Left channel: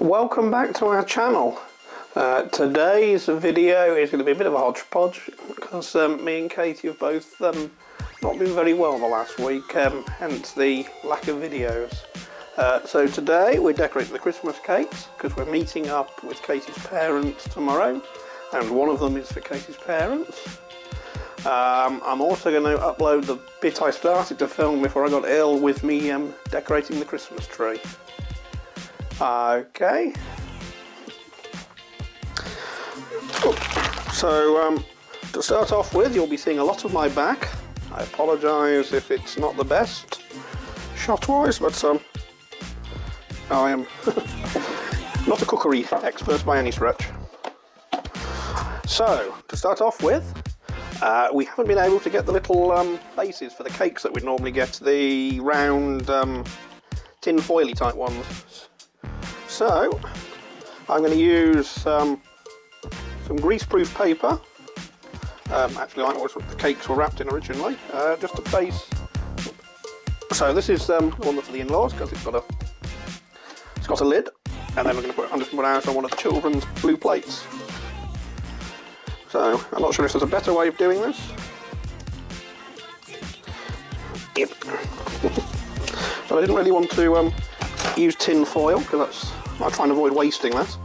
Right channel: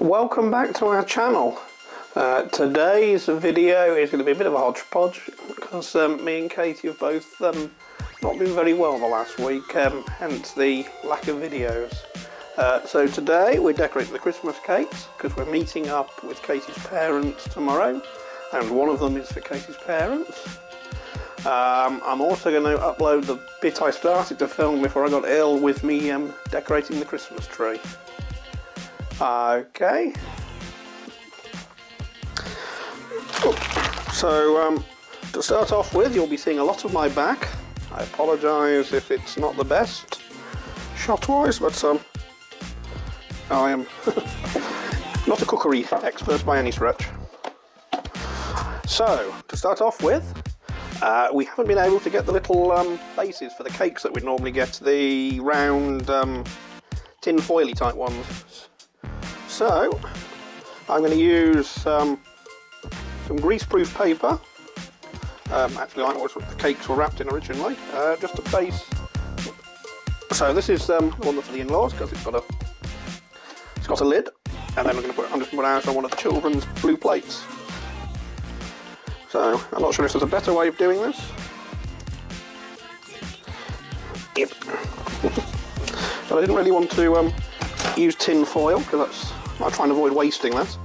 Welcome back to our channel. Today's video is going to be a bit of a hodgepodge because me and Katie have both not been very well the last week, hence the lack of videos. So today we're decorating the Christmas cakes because we're meeting up with Katie's parents tomorrow, and one of them is for Katie's parents. I'm also going to upload the bit I started to film before I got ill with me decorating the Christmas tree. Okay. So to start off with, you'll be seeing a lot of my back. I apologise if it's not the best shot-wise, but I am not a cookery expert by any stretch. So to start off with, we haven't been able to get the little bases for the cakes that we'd normally get, the round tin foily type ones. So I'm going to use some greaseproof paper, actually like what the cakes were wrapped in originally, just to place. So this is one that's being raw because it's got a lid, and then I'm going to put one out on one of the children's blue plates. So I'm not sure if there's a better way of doing this. But I didn't really want to use tin foil because I try and avoid wasting that,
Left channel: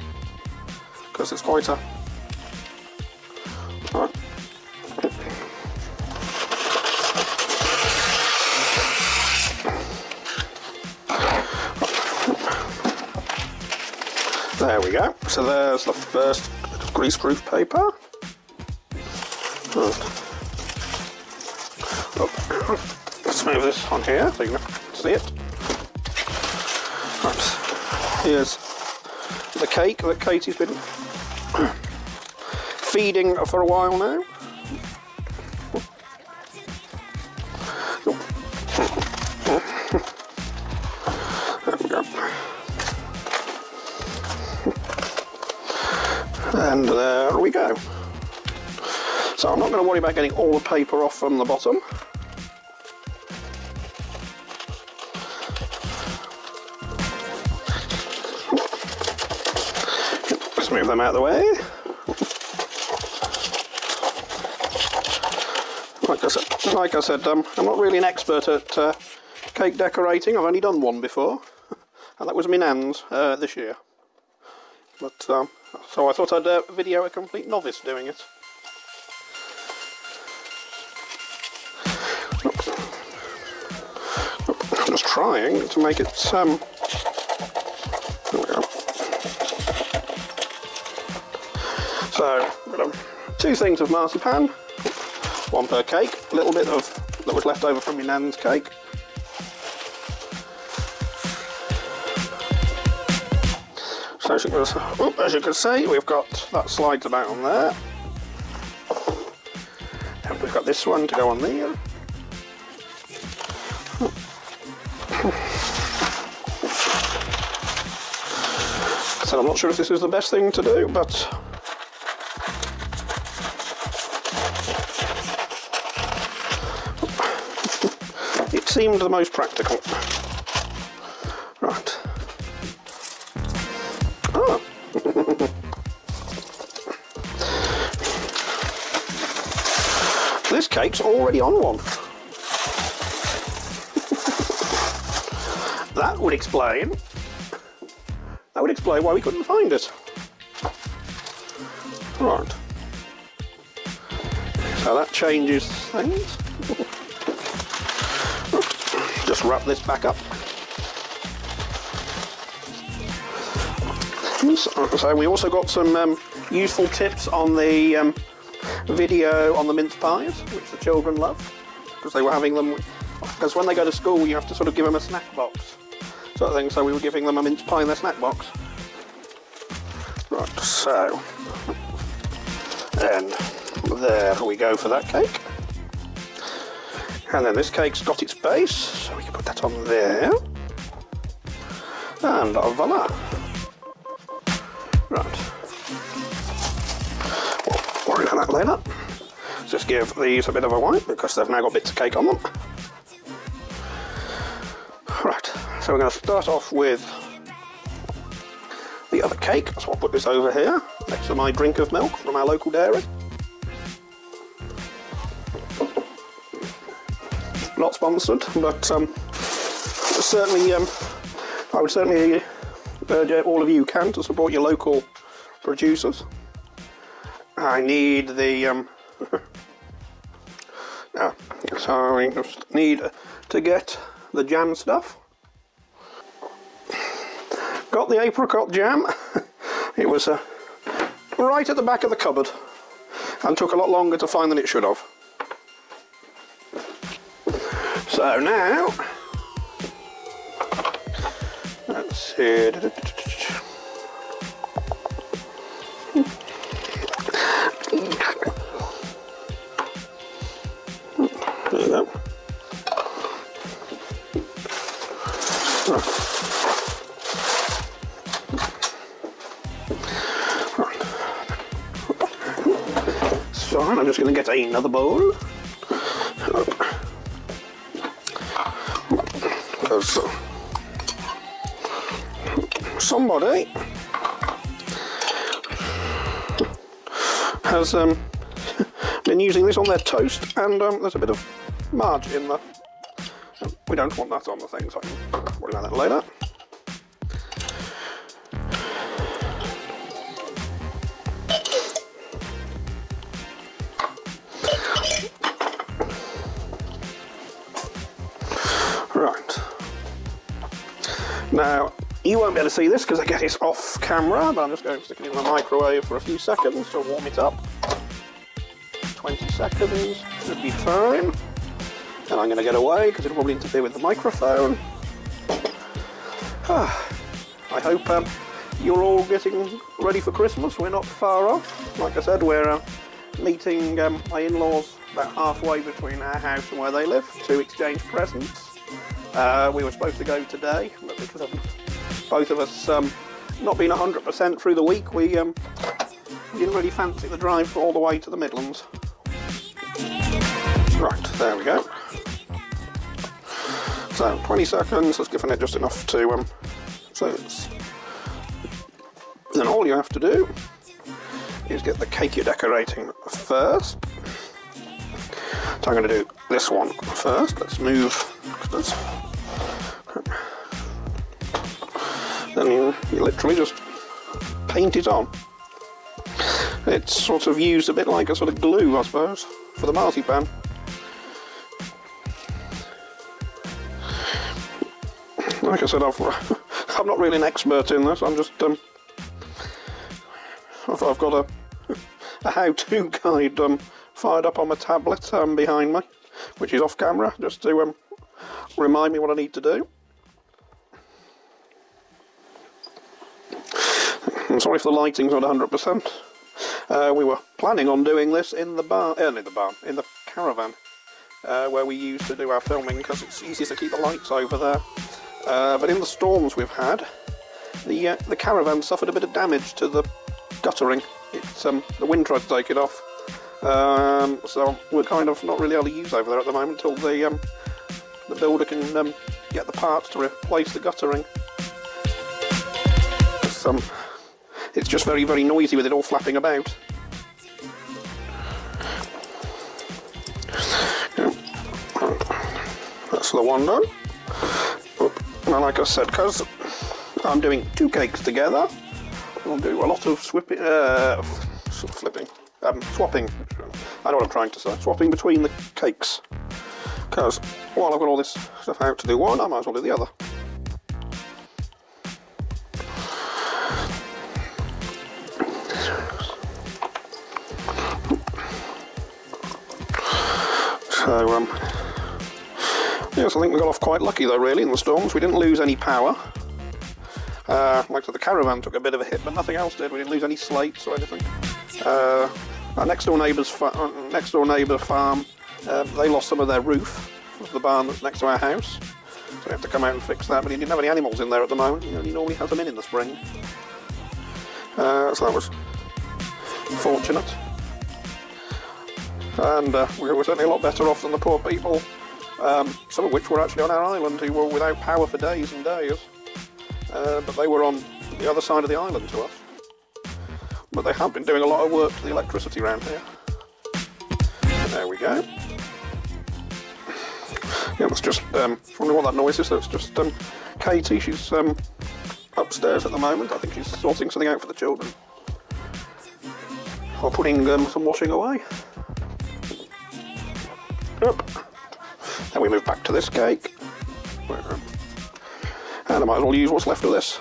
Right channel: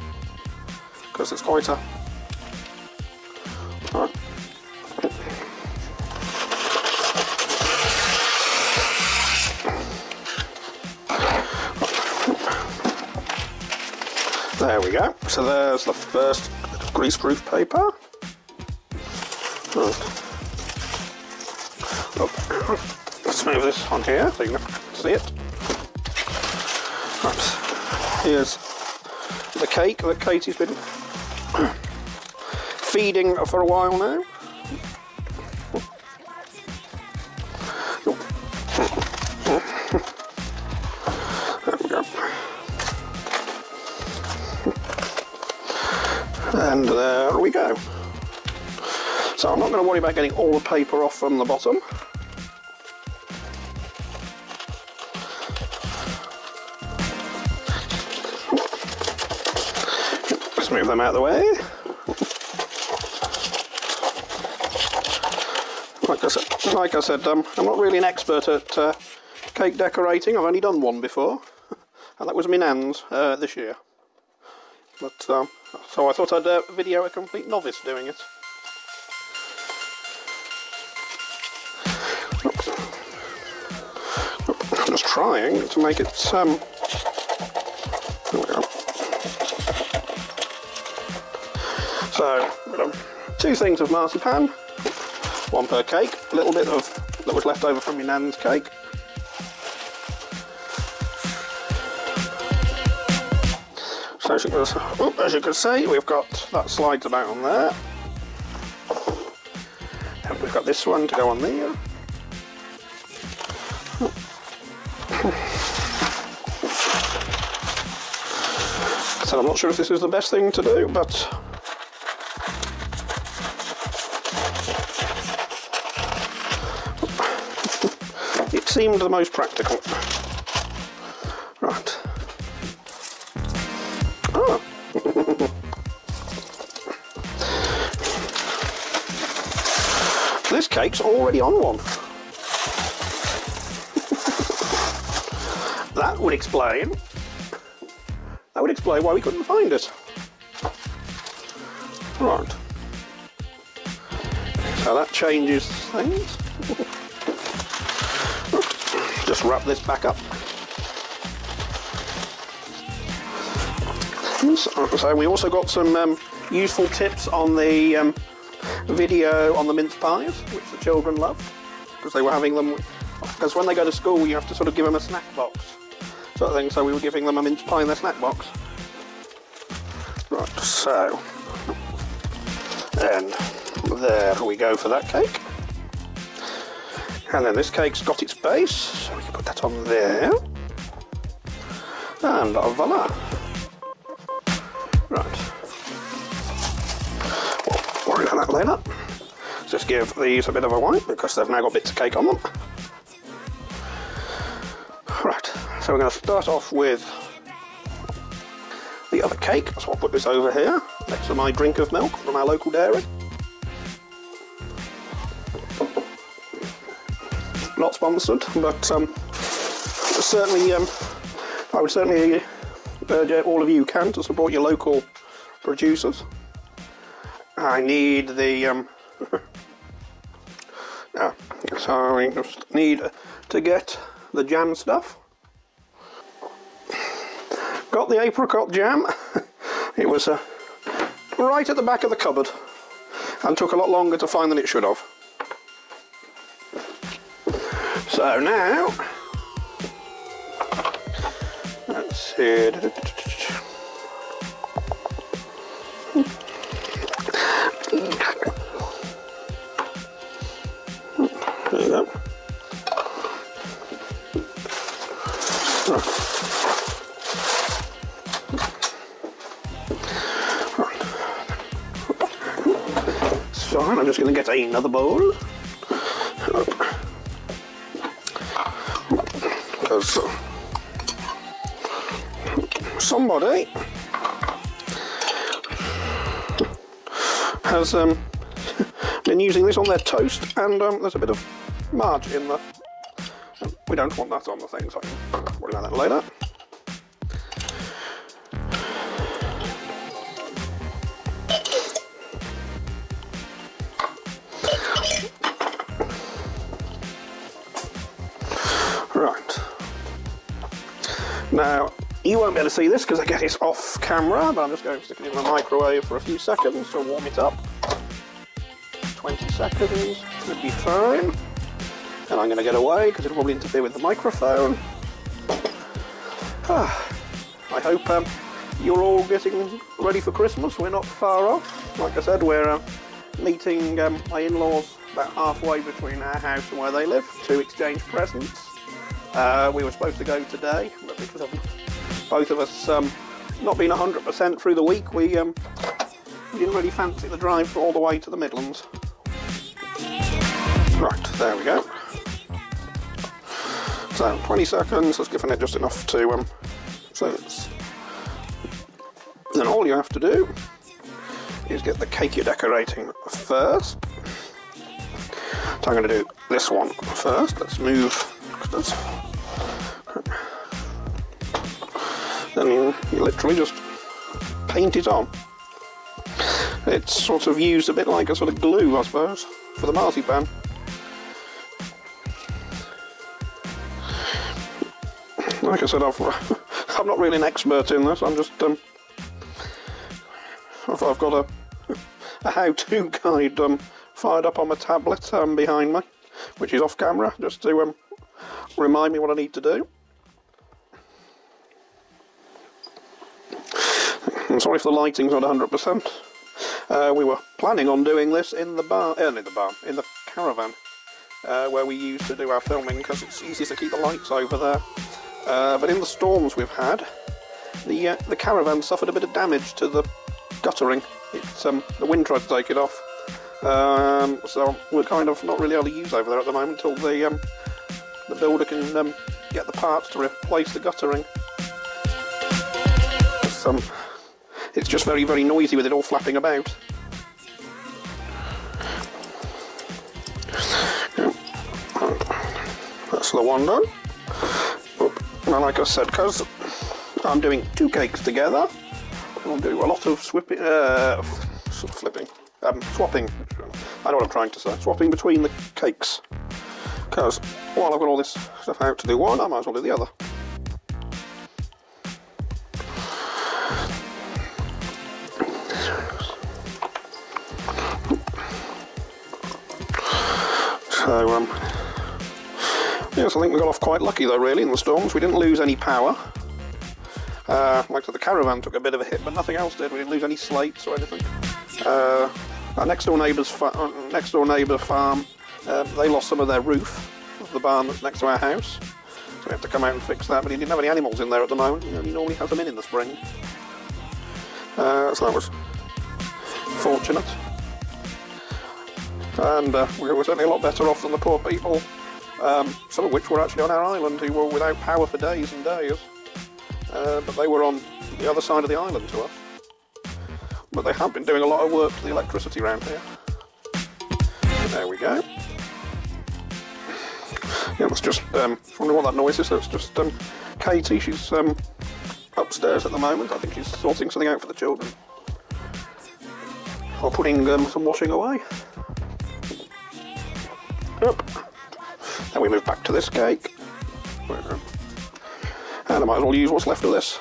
because it's quite a... Right. There we go. So there's the first greaseproof paper. Let's move this here so you can see it. Right. Here's a cake that Katie's been feeding for a while now. There we go. And there we go. So I'm not going to worry about getting all the paper off from the bottom. Just move them out of the way. Like I said, I'm not really an expert at cake decorating. I've only done one before, and that was my nan's this year. But so I thought I'd video a complete novice doing it. Just trying to make it So two things of marzipan, one per cake, a little bit of that was left over from your nan's cake. So as you can see, we've got what slides about on there, and we've got this one to go on there. So I'm not sure if this is the best thing to do, but it seemed the most practical. Right. Oh. This cake's already on one. That would explain why we couldn't find it. Alright. So that changes things. Just wrap this back up. So we also got some useful tips on the video on the mince pies, which the children love, because they were having them, because when they go to school you have to sort of give them a snack box sort of thing, so we were giving them a mince pie in their snack box. Right, so and there we go for that cake. And then this cake's got its base, so we can put that on there. And voila. Right. Worry about that later. Just give these a bit of a wipe because they've now got bits of cake on them. Right, so we're going to start off with of the cake, so I'll put this over here next to my drink of milk from our local dairy. Not sponsored, but certainly, I would certainly urge all of you who can to support your local producers. I need the so I just need to get the jam stuff. Got the apricot jam. It was right at the back of the cupboard and took a lot longer to find than it should have. So now, let's see. So I'm just going to get another bowl. Because somebody has been using this on their toast, and there's a bit of marge in there. We don't want that on the thing, so I'll worry about that later. Right. Now, you won't be able to see this because again it's off camera, but I'm just going to stick it in the microwave for a few seconds to warm it up. 20 seconds should be fine. And I'm going to get away because it'll probably interfere with the microphone. I hope you're all getting ready for Christmas. We're not far off. Like I said, we're meeting my in-laws about halfway between our house and where they live to exchange presents. We were supposed to go today, but because of both of us not being 100% through the week, we didn't really fancy the drive all the way to the Midlands. Right, there we go. 20 seconds, that's giving it just enough to sense. Then all you have to do is get the cake you're decorating first. So I'm going to do this one first. Let's move this. Then you literally just paint it on. It's sort of used a bit like a sort of glue, I suppose, for the marzipan. Like I said, I'm not really an expert in this. I'm just I've got a how-to guide fired up on my tablet behind me, which is off camera, just to remind me what I need to do. I'm sorry if the lighting's not 100%. We were planning on doing this in the in the caravan, where we used to do our filming because it's easy to keep the lights over there. But in the storms we've had, the caravan suffered a bit of damage to the guttering. It's the wind tried to take it off, so we're kind of not really able to use over there at the moment until the builder can get the parts to replace the guttering. It's just very, very noisy with it all flapping about. That's the one done. Well, like I said, because I'm doing two cakes together, I'll do a lot of swapping. I know what I'm trying to say. Swapping between the cakes. Because while I've got all this stuff out to do one, I might as well do the other. So, yes, I think we got off quite lucky though, really, in the storms. We didn't lose any power. Like I said, the caravan took a bit of a hit, but nothing else did. We didn't lose any slates or anything. Our next door neighbour farm, they lost some of their roof, the barn that's next to our house. So we have to come out and fix that, but he didn't have any animals in there at the moment. He only normally has them in the spring. So that was fortunate. And we were certainly a lot better off than the poor people, some of which were actually on our island, who were without power for days and days. But they were on the other side of the island to us. But they have been doing a lot of work to the electricity around here. So there we go. Yeah, it's just, I wonder what that noise is. It's just Katie, she's upstairs at the moment. I think she's sorting something out for the children. Or putting some washing away. Yep. Then we move back to this cake. And I might as well use what's left of this.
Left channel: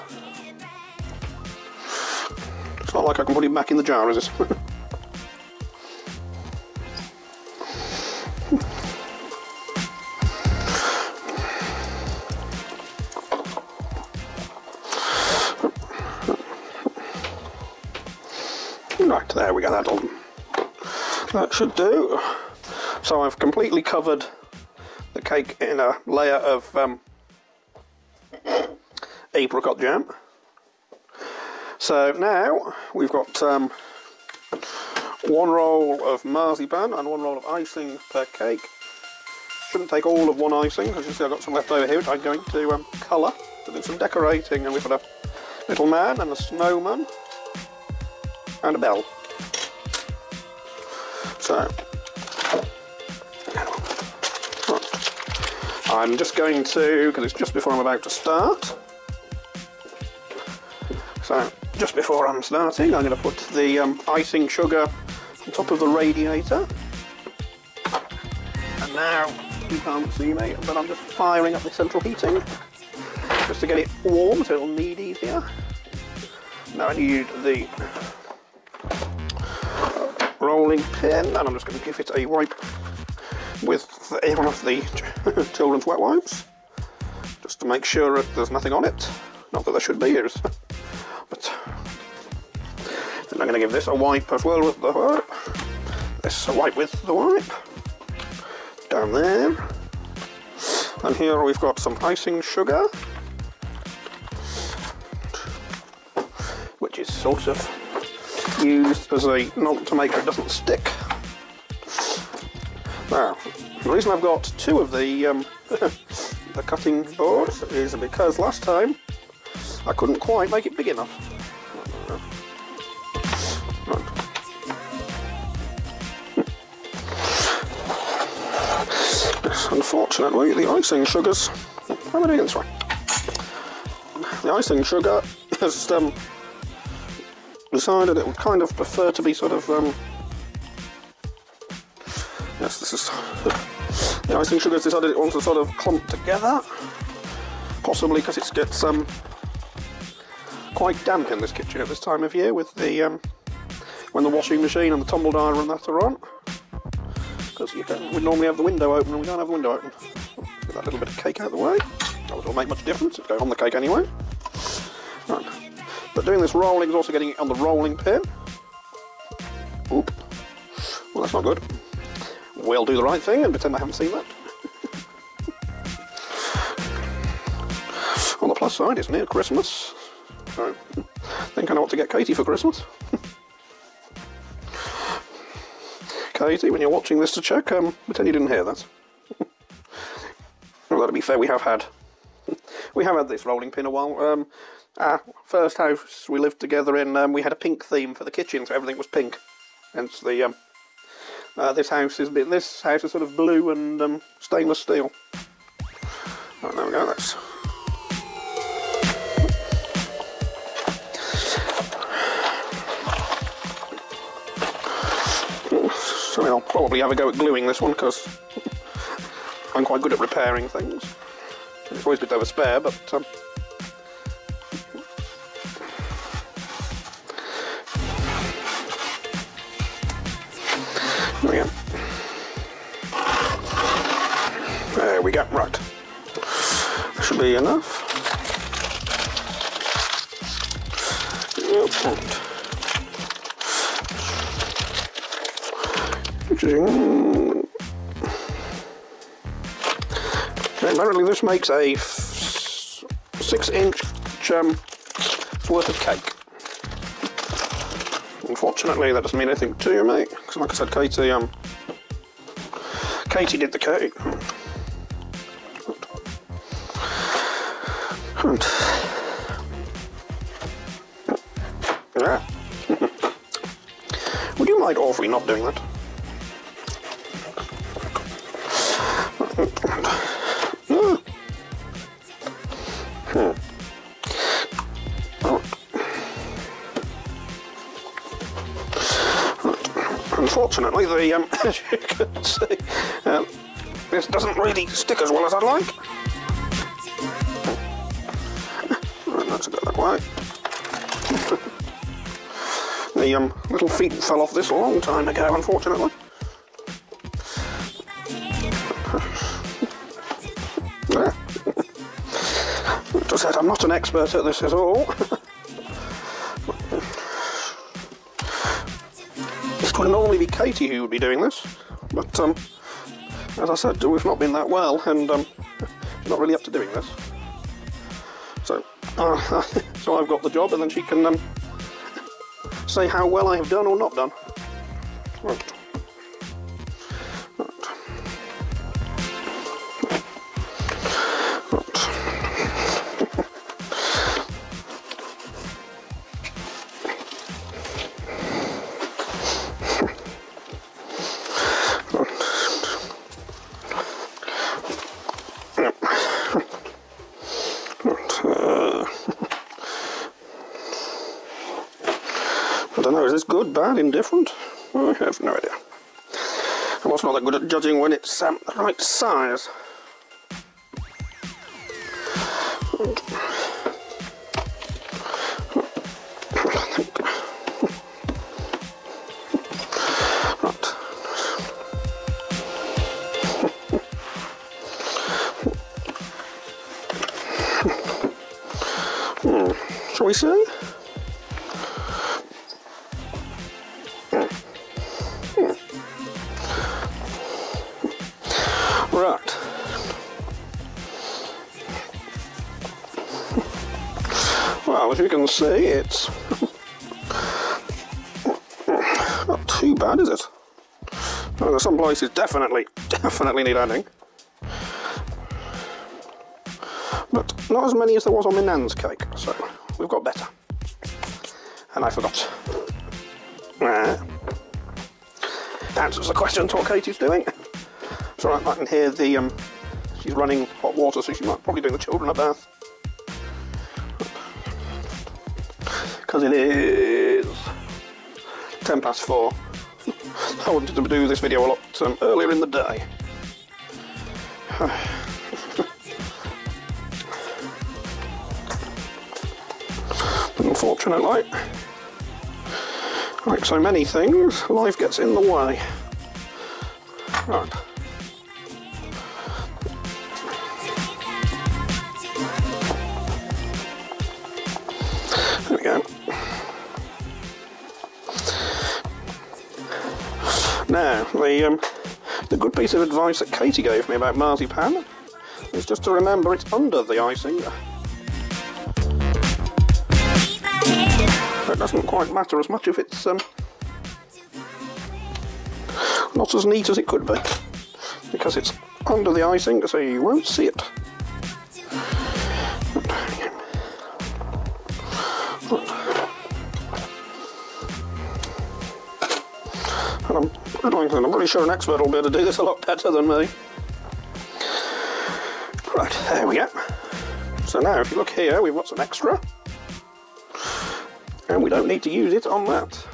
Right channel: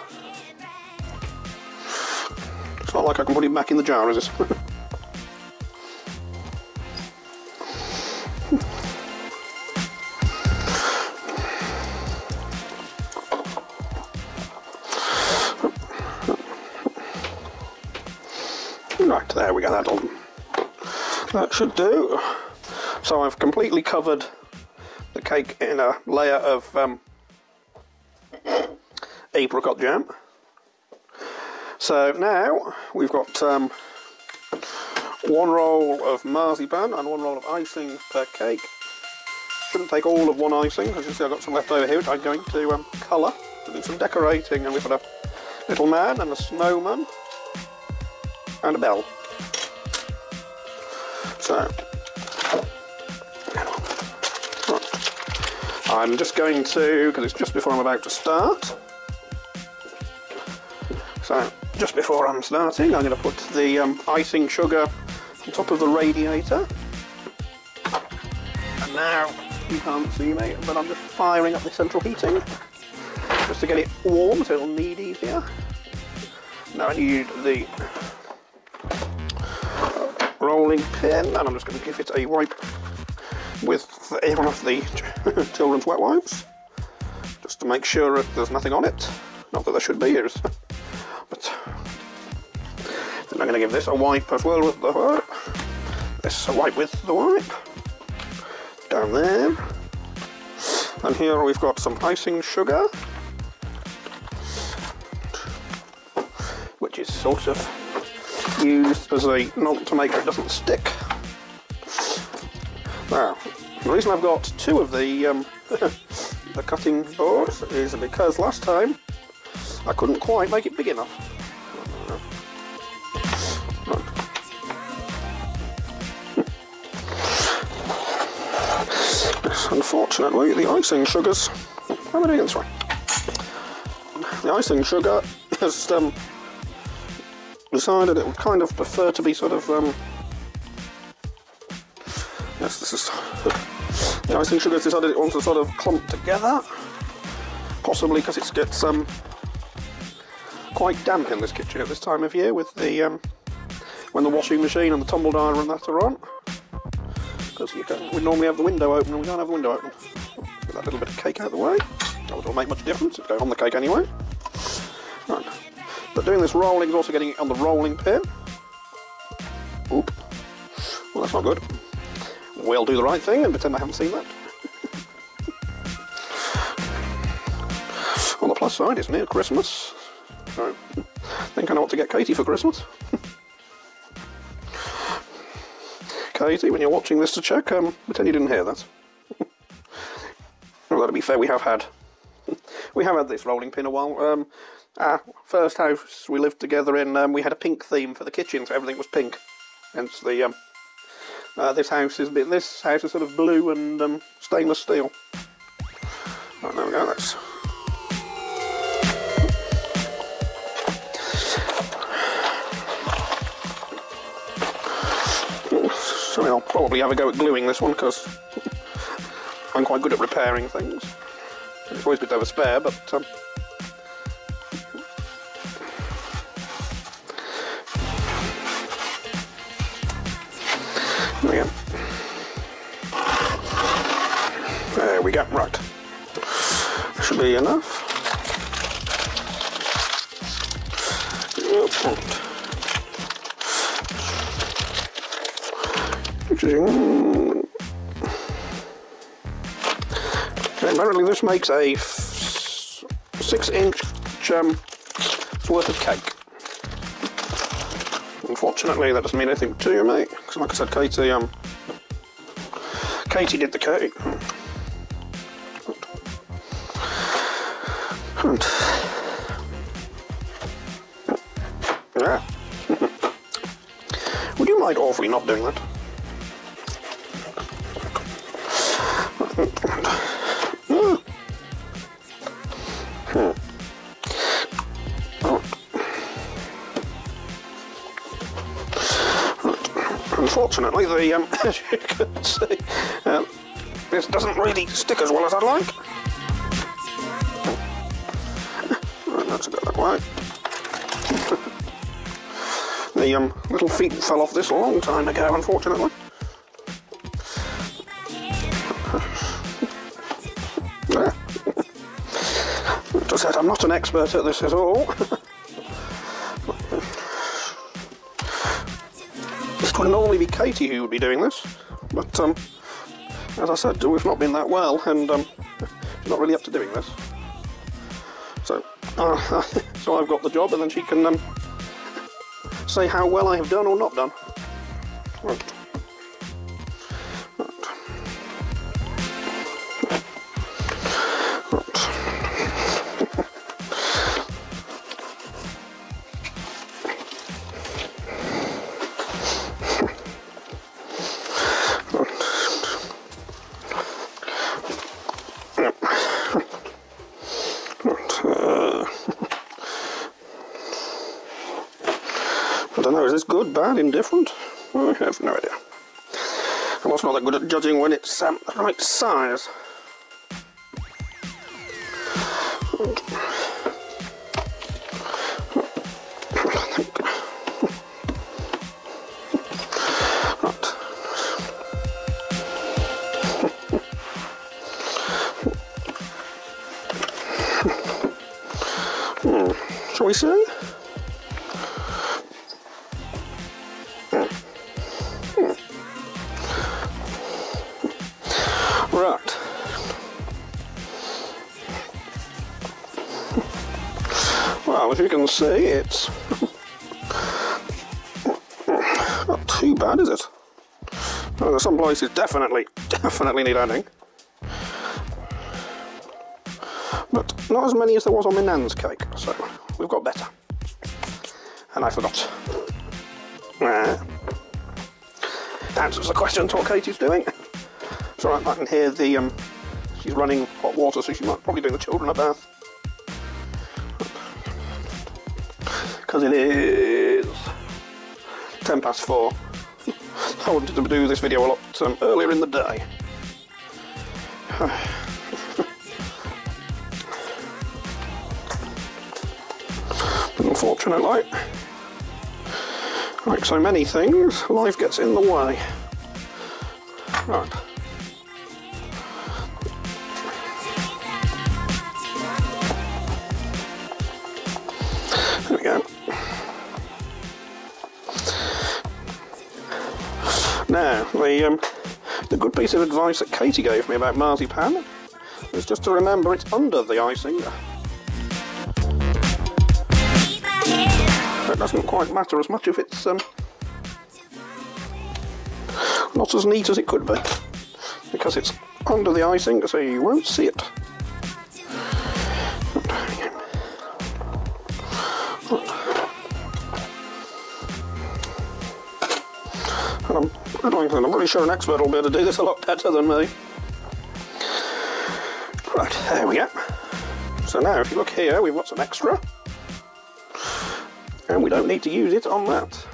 It's not like I can put it back in the jar, is it? Right, there we go, that on. That should do. So I've completely covered the cake in a layer of apricot jam. So now we've got one roll of marzipan and one roll of icing per cake. Shouldn't take all of one icing, as you see I've got some left over here, which I'm going to colour to do some decorating. And we've got a little man and a snowman and a bell. So I'm just going to, because it's just before I'm about to start, so just before I'm starting I'm going to put the icing sugar on top of the radiator. And now, you can't see me, but I'm just firing up the central heating just to get it warm so it'll knead easier. Now I use the rolling pin and I'm just going to give it a wipe with one of the children's wet wipes, just to make sure that there's nothing on it. Not that there should be, but then I'm going to give this a wipe as well with the this a wipe with the wipe down there. And here we've got some icing sugar, which is sort of used as a not to make sure it doesn't stick. Now, the reason I've got two of the cutting boards is because last time I couldn't quite make it big enough. Unfortunately, the icing sugars. Let me do it this way. The icing sugar has decided it would kind of prefer to be sort of yes, this is the icing sugar has decided it wants to sort of clump together, possibly because it gets quite damp in this kitchen at this time of year with the when the washing machine and the tumble dryer and that are on. Because we normally have the window open and we don't have the window open. Get that little bit of cake out of the way. It won't make much difference, it's going on the cake anyway. Right. But doing this rolling is also getting it on the rolling pin. Oop. That's not good. We'll do the right thing and pretend I haven't seen that. On the plus side, it's near Christmas. So I think I know what to get Katie for Christmas. Katie, when you're watching this to check, pretend you didn't hear that. Although to be fair, we have had this rolling pin a while. First house we lived together in, we had a pink theme for the kitchen, so everything was pink. Hence the this house is sort of blue and stainless steel. Oh, there we go. That's so I'll probably have a go at gluing this one because I'm quite good at repairing things. It's always a bit of a spare, but yeah. There we go. Should be enough. This makes a 6-inch worth of cake. Unfortunately, that doesn't mean anything to me, because like I said, Katie did the cake. actually not doing that. Unfortunately, as you can see, this doesn't really stick as well as I'd like. Right, that's a bit quiet. The little feet fell off this a long time ago, unfortunately. As I said, I'm not an expert at this at all. It's usually Katie who would be doing this, but as I said, we've not been that well, and she's not really up to doing this. So I've got the job, and then she can see how well I've done or not done. Right. I don't know, is this good, bad, indifferent? I have no idea. I'm also not that good at judging when it's the right size. Shall we see? Right. Well, as you can see, it's not too bad, is it? Well, some places definitely need adding. But not as many as there was on the Nan's cake, so we've got better. And I forgot. Answers the question to what Katie's doing. So I can hear she's running hot water, so she's probably doing the children a bath. Because it is 4:10. I wanted to do this video a lot earlier in the day. Unfortunately, like so many things, life gets in the way. Right. There we go. Now, the good piece of advice that Katie gave me about marzipan is just to remember it's under the icing. It doesn't quite matter as much if it's not as neat as it could be, because it's under the icing, so you won't see it. I'm pretty sure an expert will be able to do this a lot better than me. Right, there we go. So now if you look here, we've got some extra. And we don't need to use it on that.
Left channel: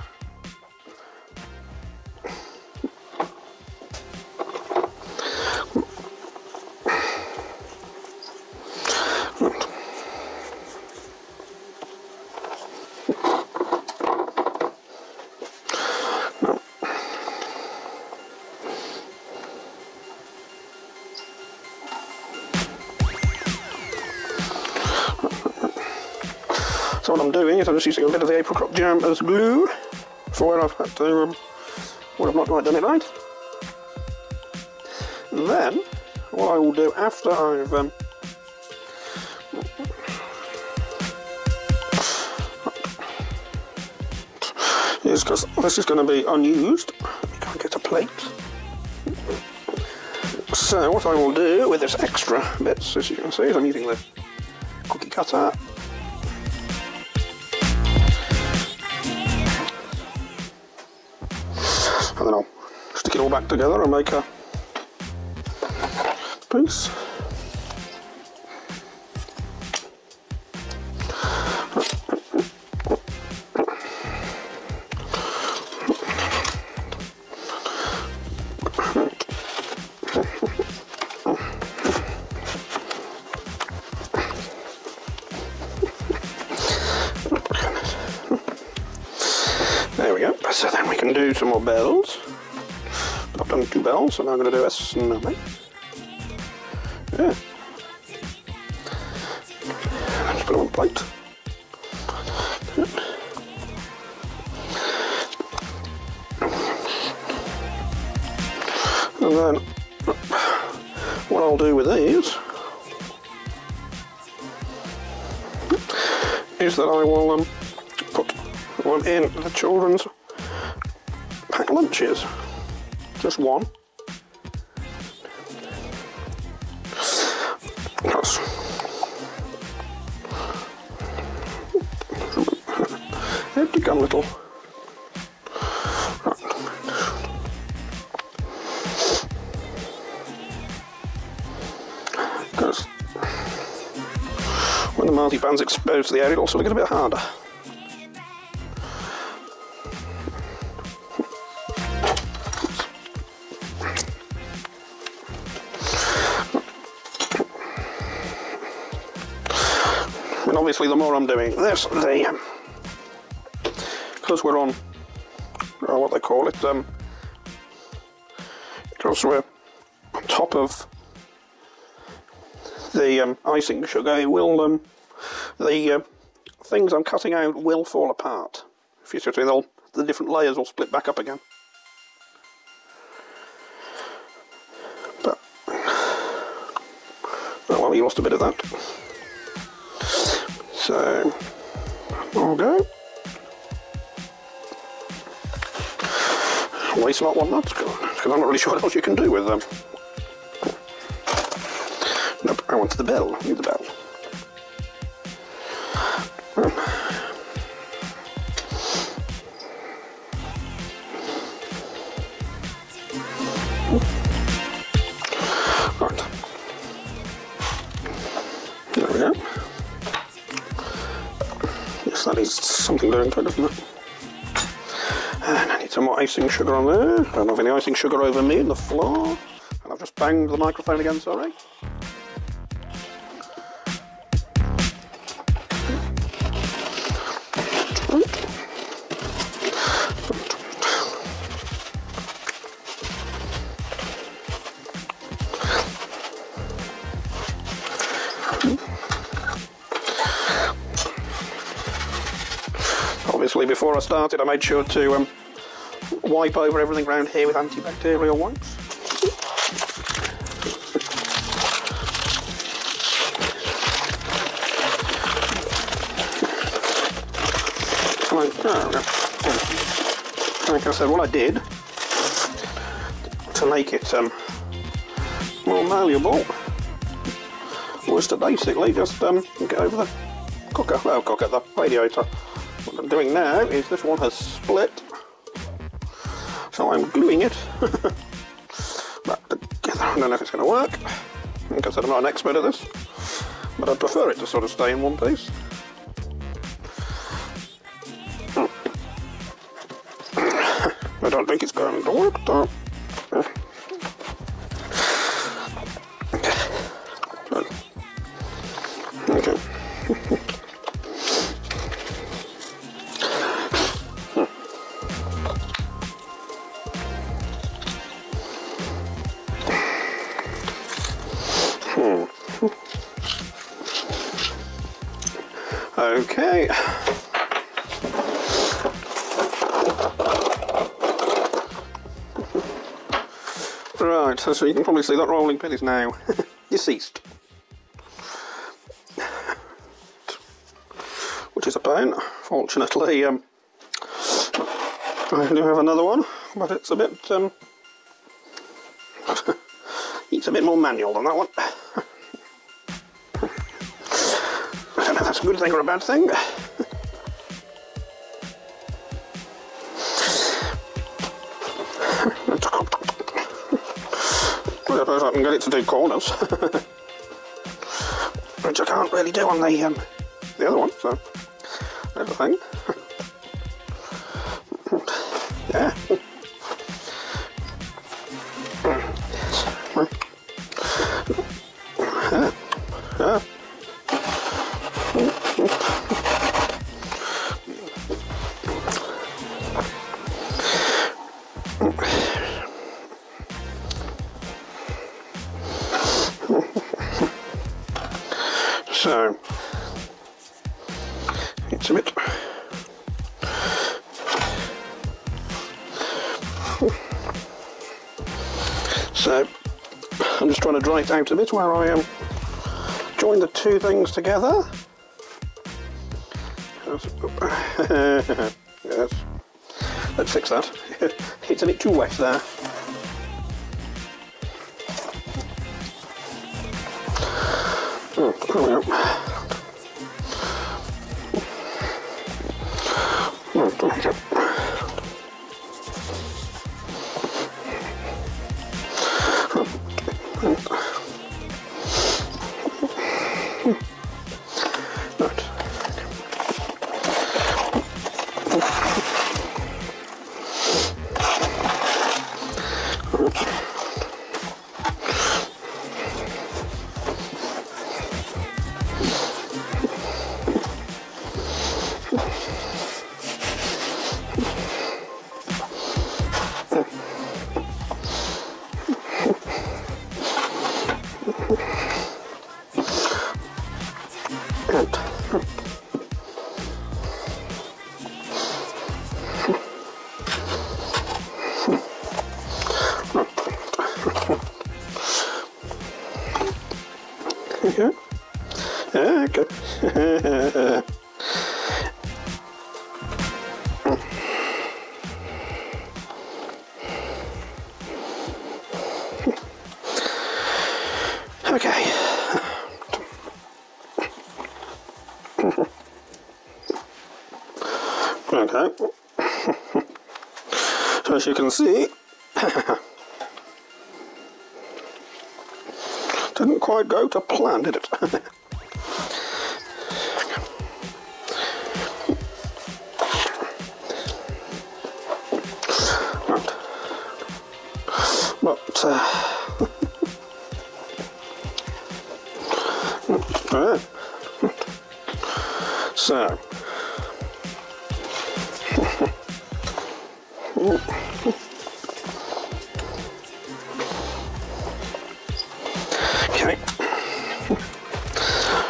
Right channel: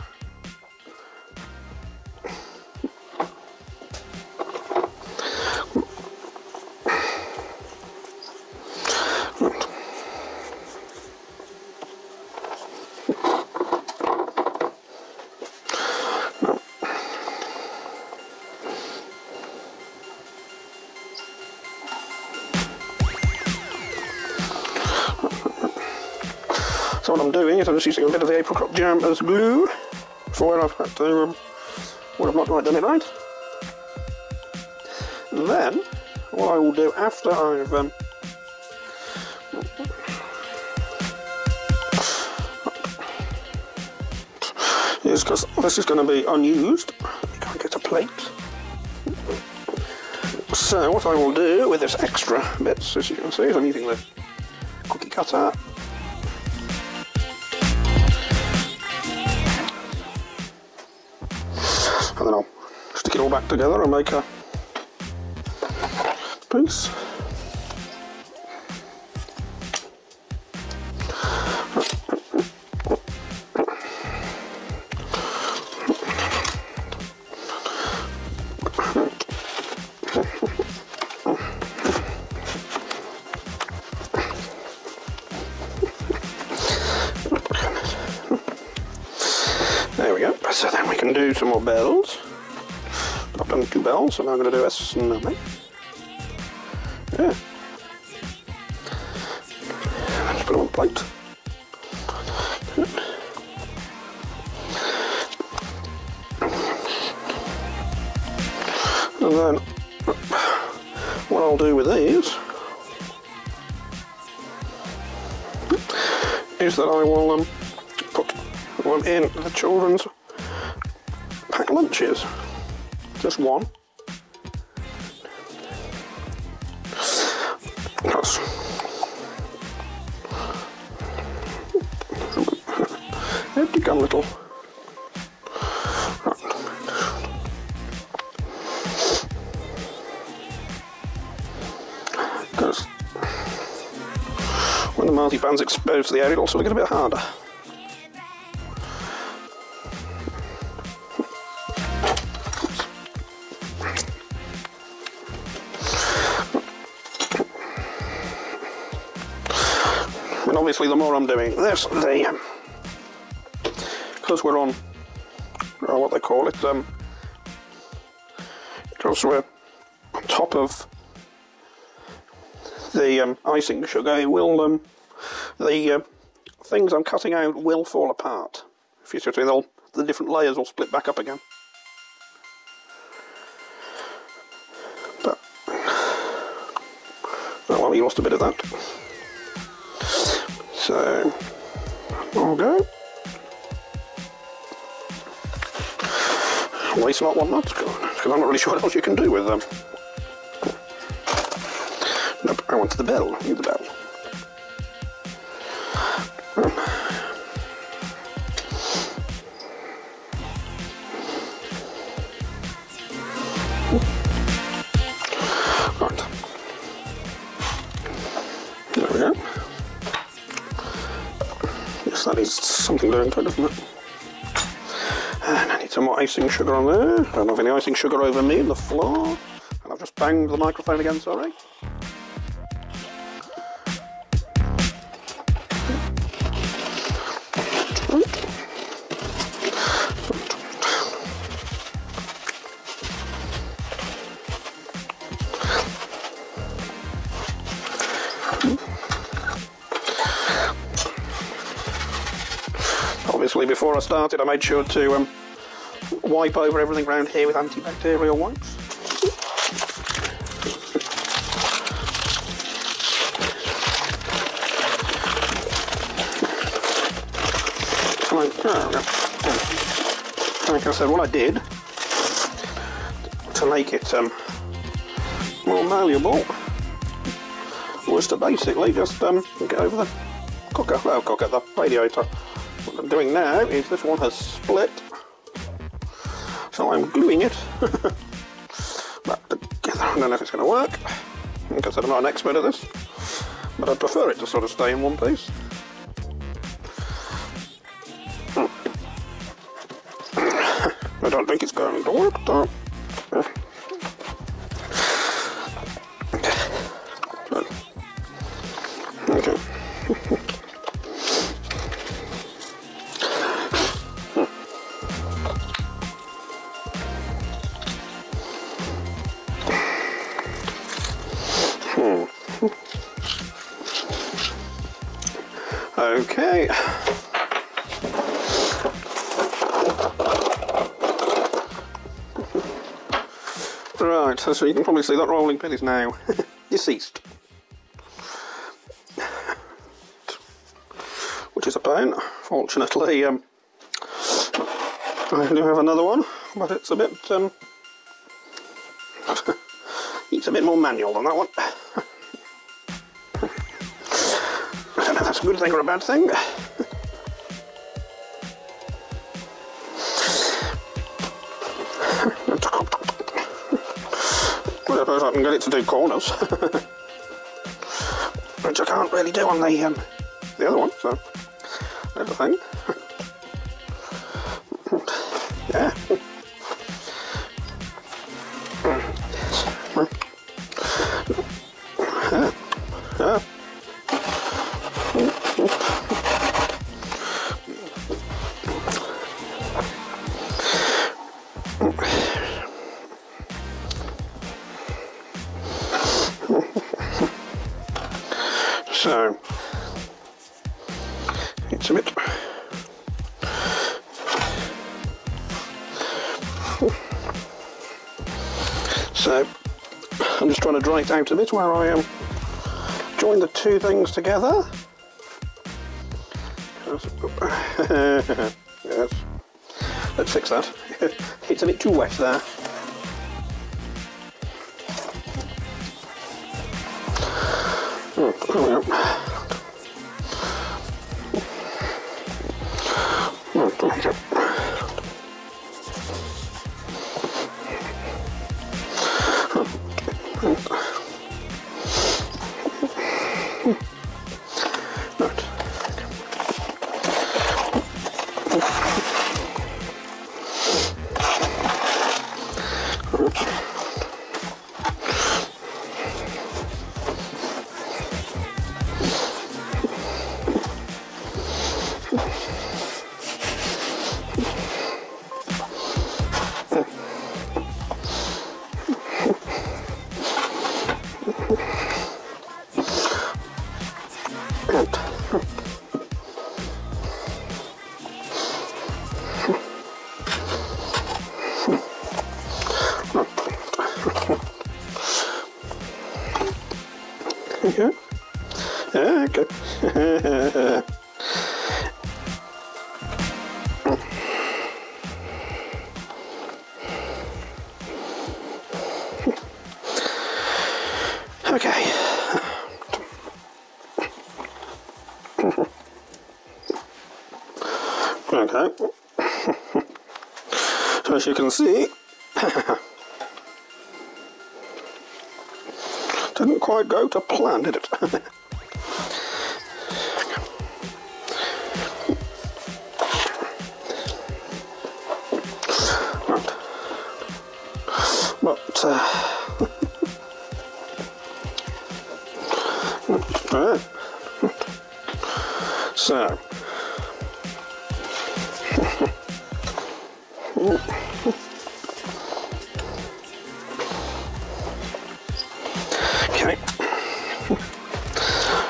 So what I'm doing is I'm just using a bit of the apricot jam as glue. Well, I've not quite done it right. Then, what I will do after I've is, because this is going to be unused, I can't get a plate. So what I will do with this extra bits, as you can see, is I'm using the cookie cutter. and then I'll stick it all back together and make a piece. There we go. So then we can do some more bells. I've done 2 bells, and I'm going to do a snowman. Yeah. Let's put it on the plate. And then what I'll do with these is that I will put one in the children's packed lunches. Just one. Plus they've become little. When the marzipan's exposed to the air, it'll sort of get a bit harder. And obviously the more I'm doing this, because we're on, what they call it, transfer on top of the icing sugar, it will, the things I'm cutting out will fall apart. If you see, the different layers will split back up again. But, well, we lost a bit of that. So, we'll go. Waste not one nut, because I'm not really sure what else you can do with them. Nope, I want the bell. I need the bell. Right. There we go. Yes, that is something down to it, doesn't it? And I need some more icing sugar on there. I'm moving the icing sugar over me, the floor. And I've just banged the microphone again, sorry. Obviously, before I started, I made sure to wipe over everything around here with antibacterial wipes. Like I said, what I did to make it malleable was to basically just get over the the radiator. What I'm doing now is this one has split, so I'm gluing it back together. I don't know if it's going to work. Like I said, I'm not an expert at this, but I prefer it to sort of stay in one piece. I don't think it's going to work though. Okay. Okay. Right, so you can probably see that rolling pin is now deceased. Which is a pain. Fortunately, I do have another one, but it's a bit it's a bit more manual than that one. I don't know if that's a good thing or a bad thing. I can get it to do corners, which I can't really do on the other one, so there's the thing. So it's a bit. So I'm just trying to draw it out a bit where I join the two things together. Yes. Let's fix that. It's a bit too wet there. Okay. Yeah, okay. Okay. Okay. As you can see, didn't quite go to plan, did it?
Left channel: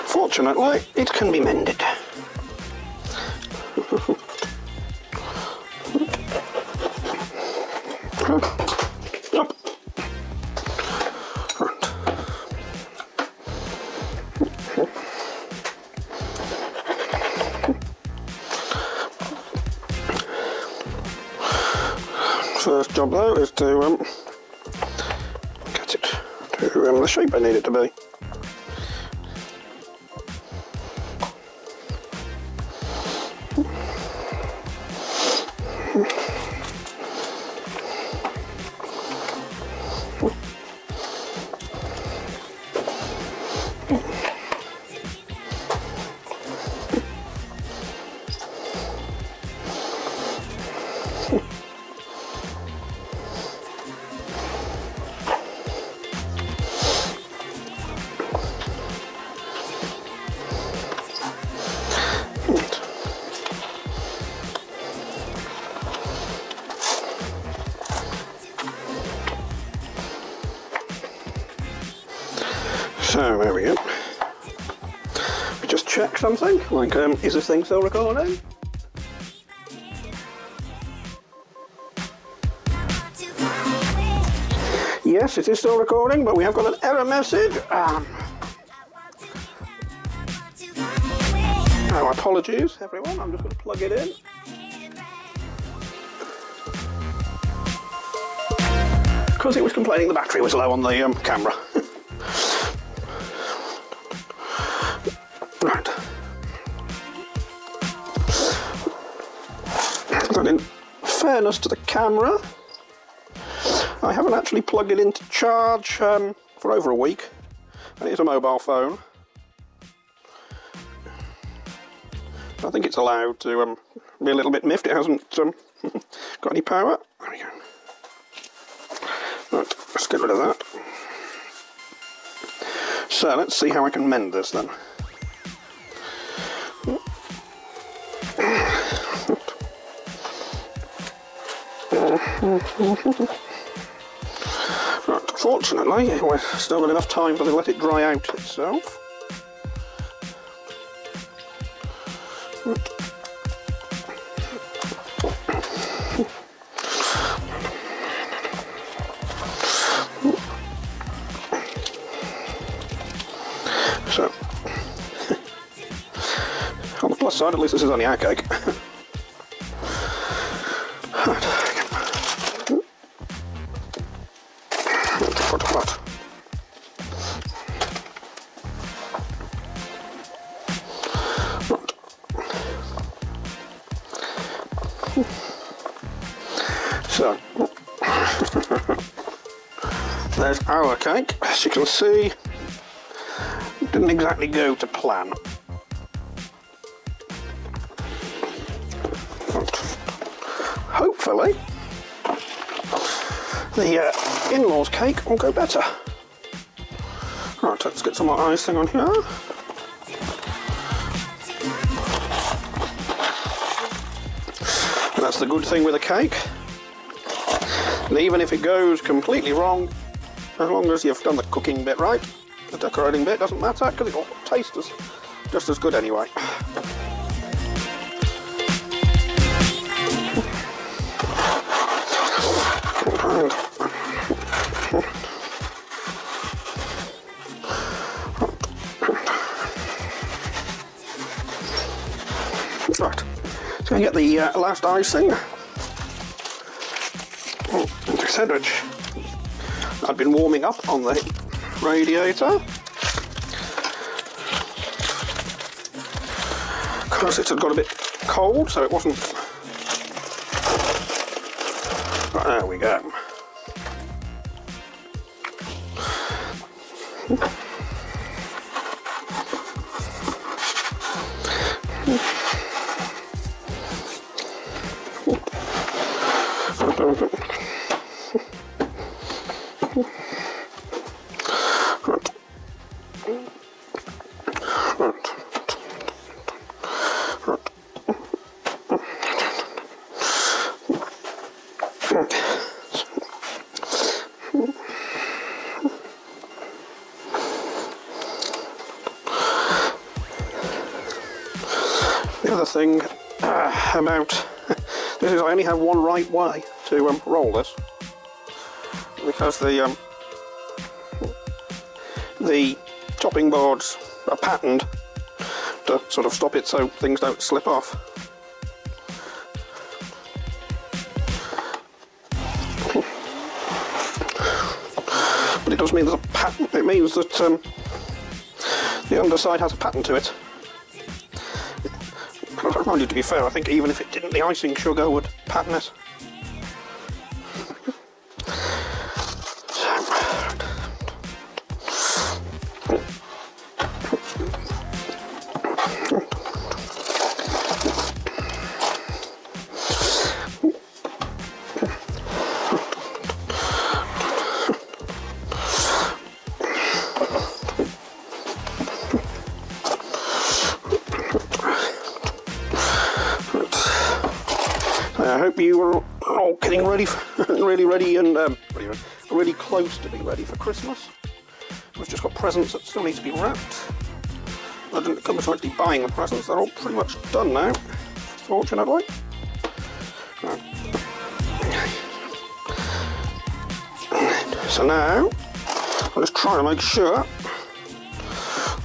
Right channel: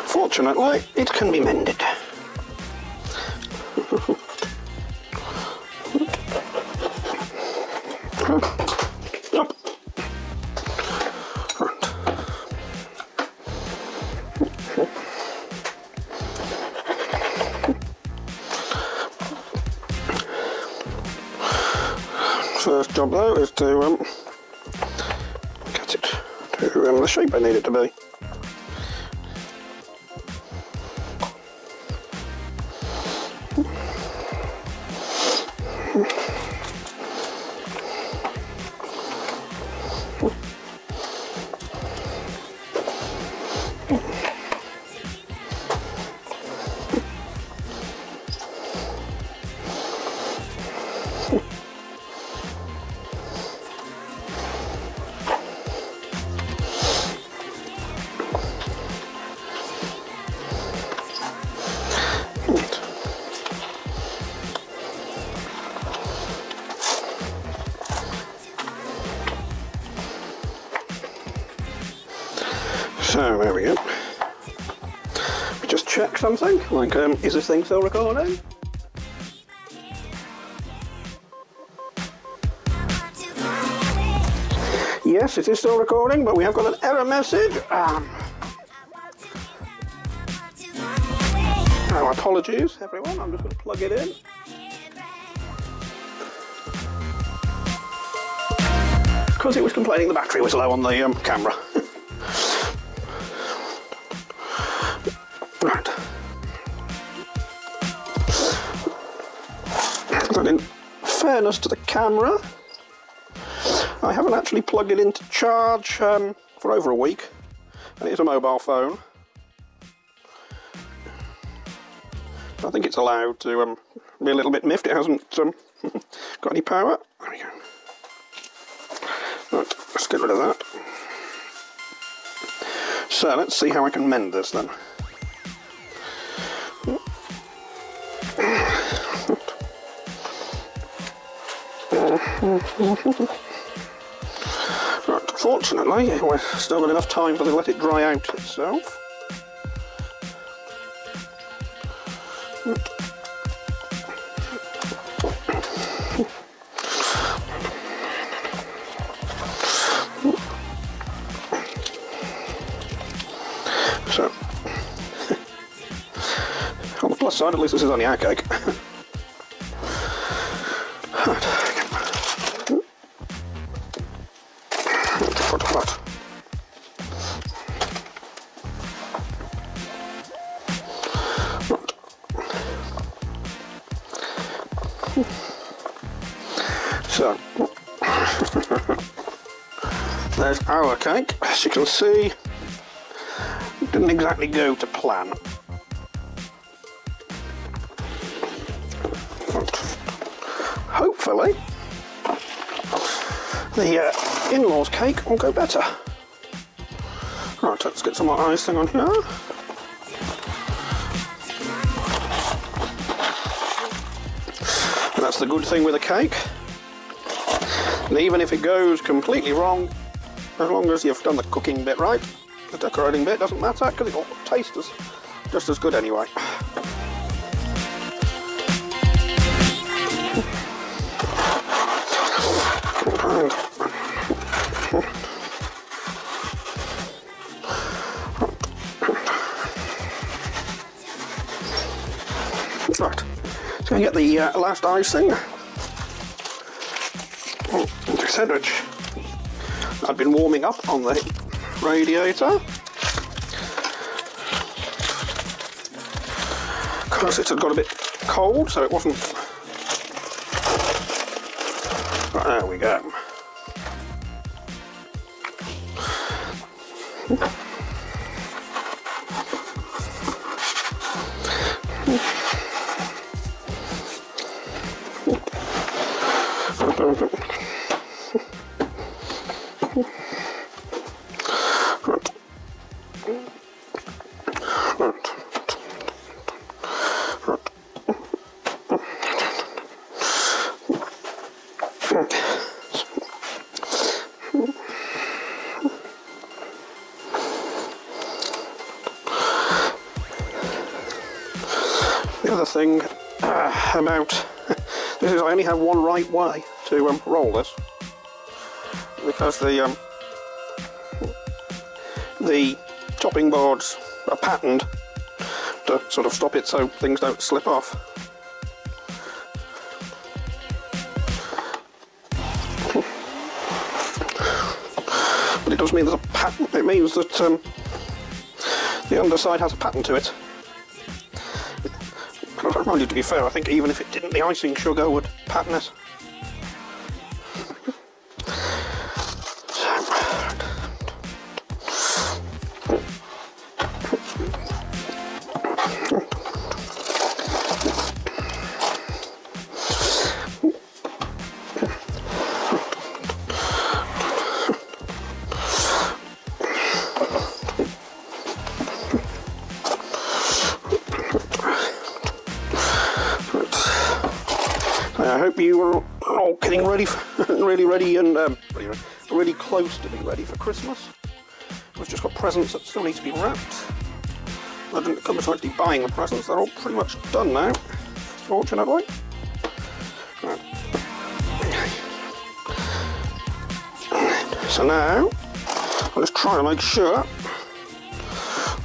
Fortunately, it can be mended. Yep. First job though is to get it to the shape I need it to be. So there we go. Just check something, like is this thing still recording? Yes, it is still recording, but we have got an error message. Our apologies, everyone. I'm just going to plug it in. Because it was complaining the battery was low on the camera. Right. But in fairness to the camera, I haven't actually plugged it in to charge for over a week, and it's a mobile phone. I think it's allowed to be a little bit miffed. It hasn't got any power. There we go. Right, let's get rid of that. So let's see how we can mend this then. Unfortunately, we're still got enough time to let it dry out itself. So, on the plus side, at least this is only our cake. So, there's our cake. As you can see, it didn't exactly go to plan. Hopefully, the in-laws cake will go better. Right, let's get some of the icing on here. And that's the good thing with a cake. And even if it goes completely wrong, as long as you've got the cooking bit right, the decorating bit doesn't matter, because it'll taste just as good anyway. Right, so I get the last icing. Percentage. I've been warming up on the radiator because it had got a bit cold, so it wasn't. There we go. The other thing about this is I only have one right way to roll this, because the chopping boards are patterned to sort of stop it so things don't slip off. But it does mean there's a pattern. It means that the underside has a pattern to it. To be fair, I think even if it didn't, the icing sugar would pattern it. I hope you are all getting ready, really ready and really close to being ready for Christmas. We've just got presents that still need to be wrapped. I was meant to be buying the presents, they're all pretty much done now, fortunately. So now, I'll just try to make sure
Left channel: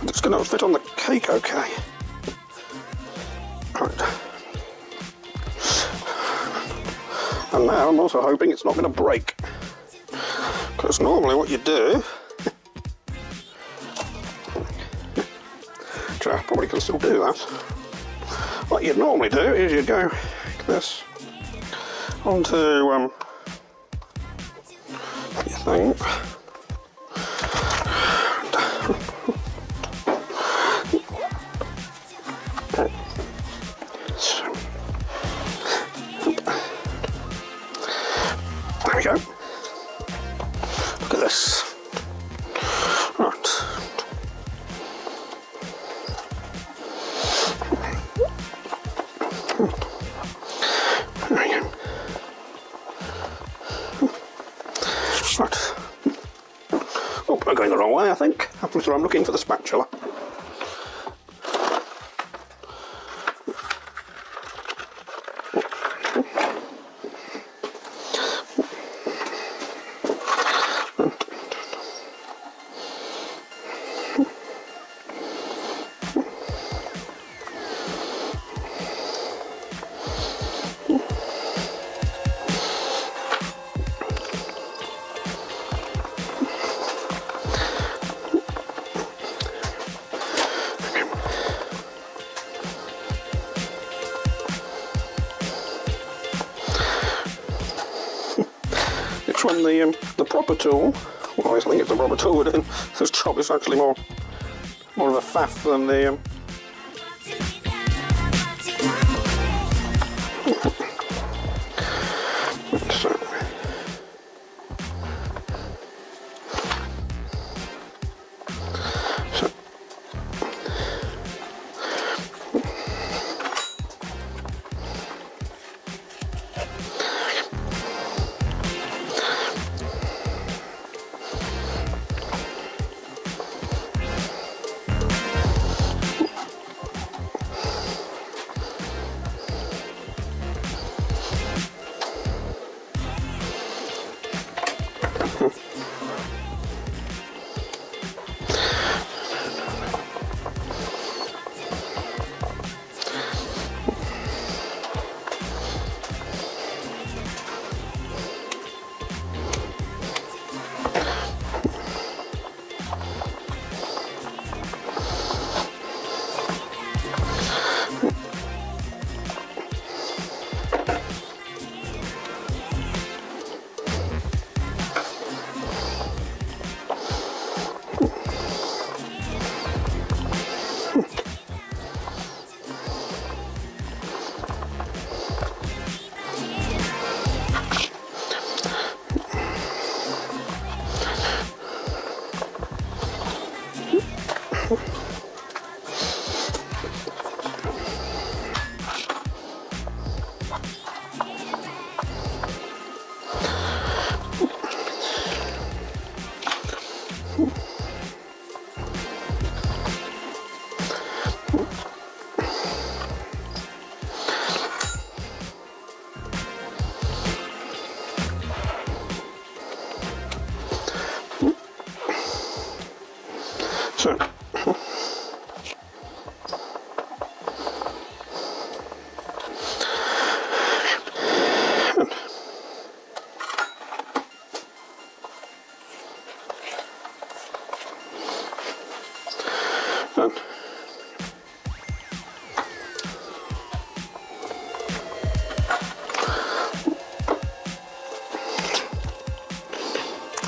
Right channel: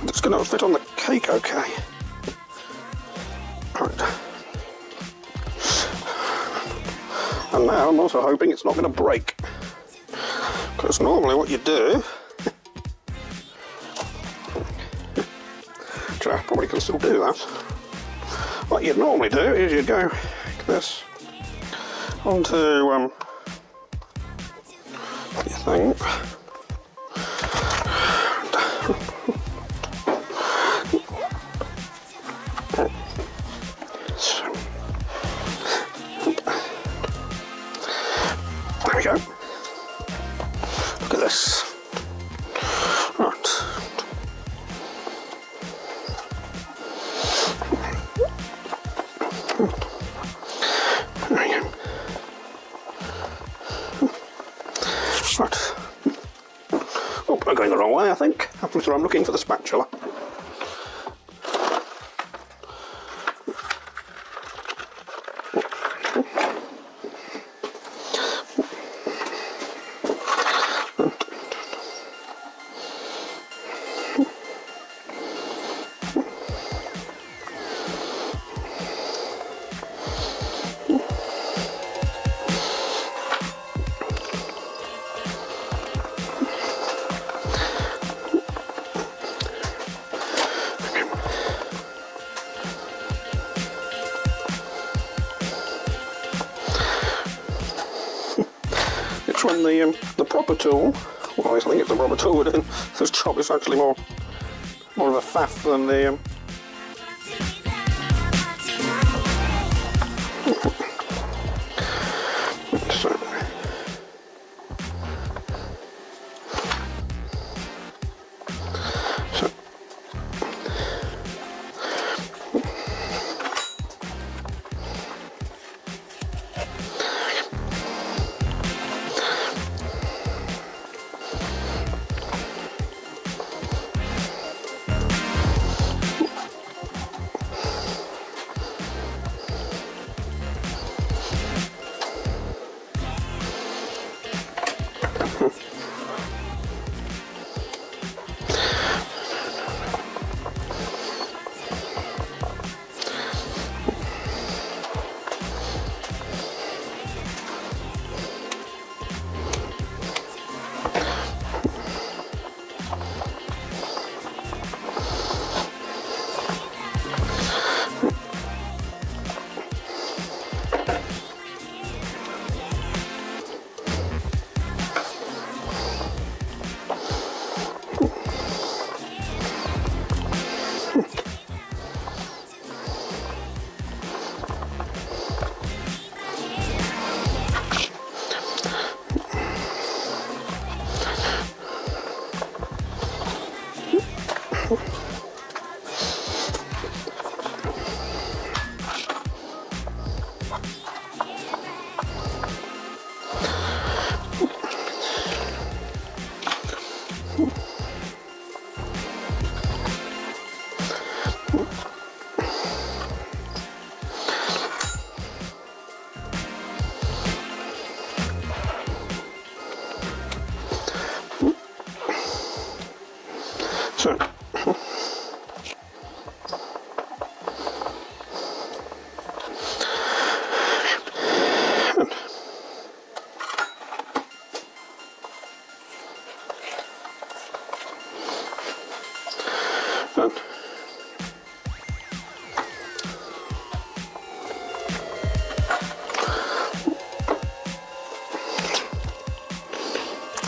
it's going to fit on the cake okay. And now I'm also hoping it's not going to break, because normally what you do, which I probably can still do this, what you'd normally do is you go this onto your thing, spatula away, I think. So I'm looking for the spatula. The proper tool, well, I think it's the rubber tool within this job, is actually more of a faff than the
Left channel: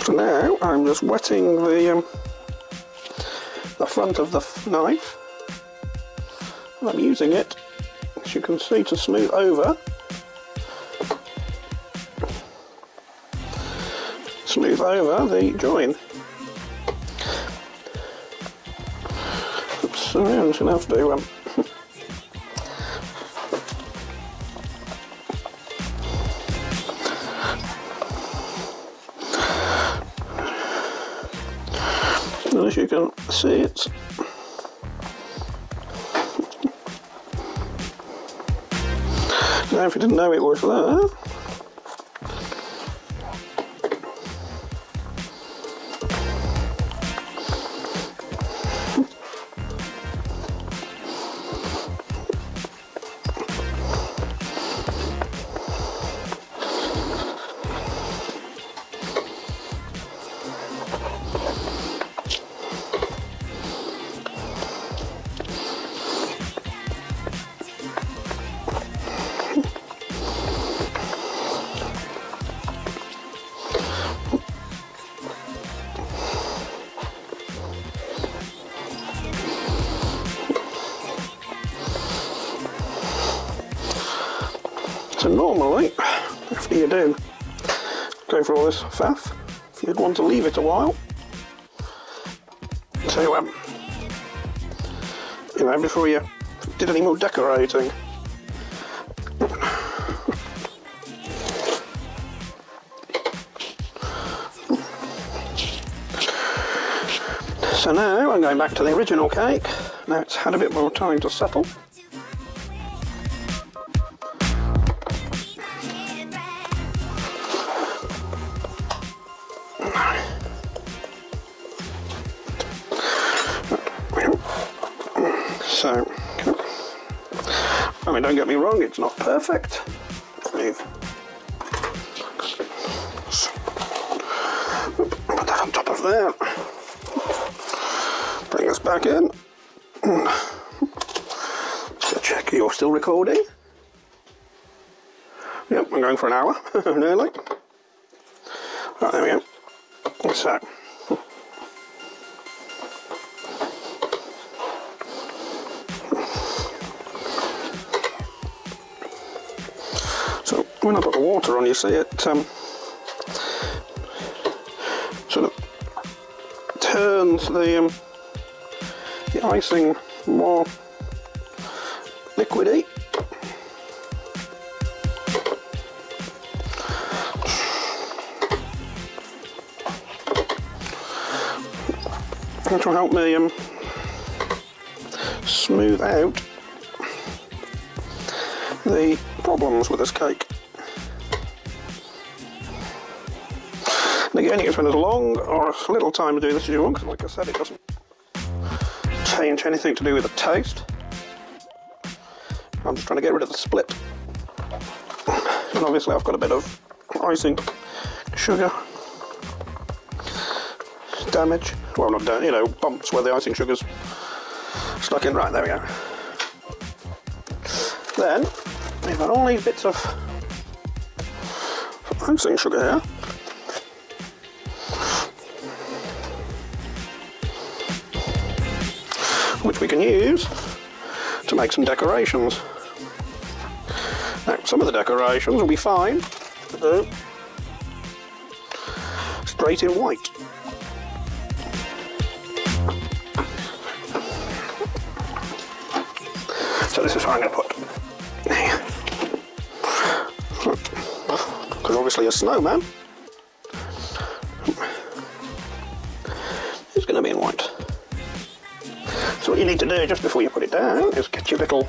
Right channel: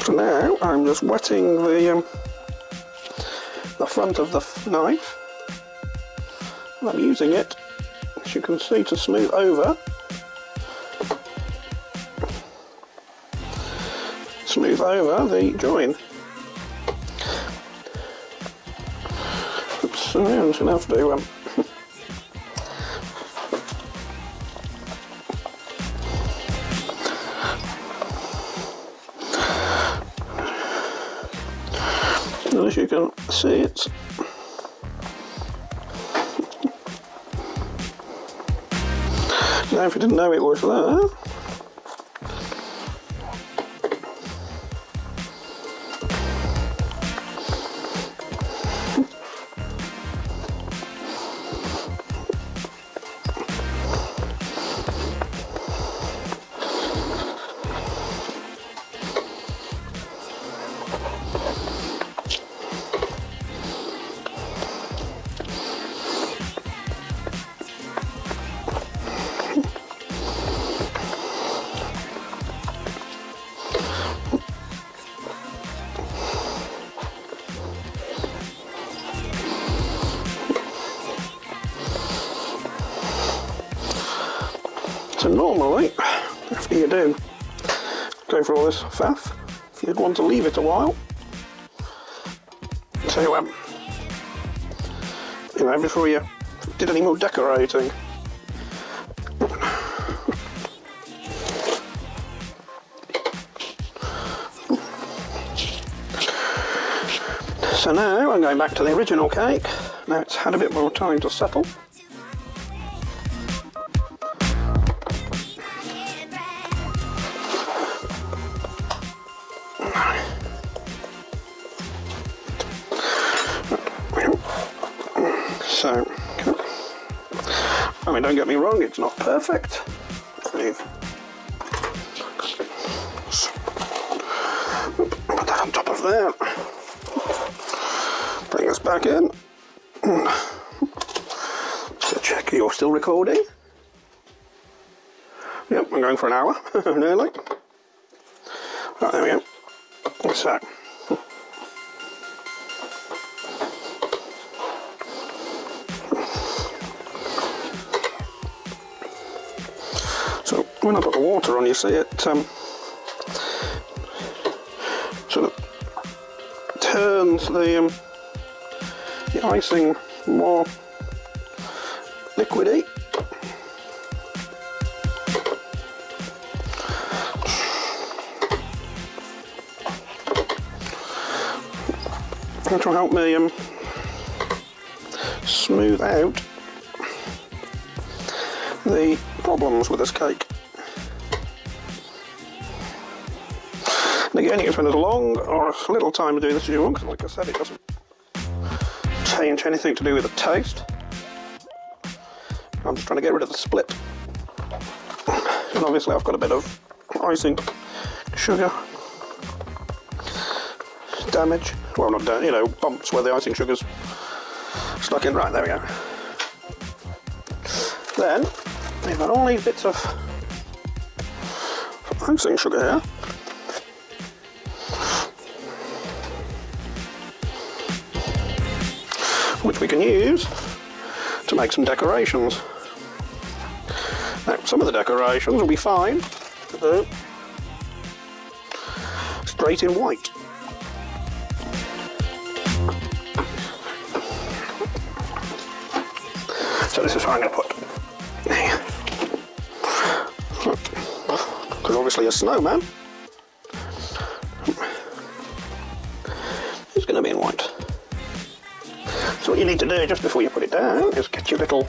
For now, I'm just wetting the front of the knife, as you can see, to smooth over the join. So I'm just going to have to do as you can see, it's if you didn't know it was there. So normally, after you do go through all this faff, you'd want to leave it a while to, before you did any more decorating. So now I'm going back to the original cake. Now it's had a bit more time to settle. So, I mean, don't get me wrong, it's not perfect. You've put that on top of there. Bring this back in. Check you're still recording. Yep, I'm going for an hour, nearly. Oh, there we go. So when I put the water on, you see it sort of turns the icing more liquidy. That will help me smooth out the problems with this cake. And again, you can spend as long or as little time to do this as you want, because like I said, it doesn't change anything to do with the taste. I'm just trying to get rid of the split. And obviously I've got a bit of icing sugar damage. That's where the icing sugar's stuck in right there. Then we've got all these bits of icing sugar here. Which we can use to make some decorations. Now, some of the decorations will be fine to do straight in white. So this is what I'm going to put. Because obviously a snowman is going to be in white. So what you need to do just before you put it down is get your little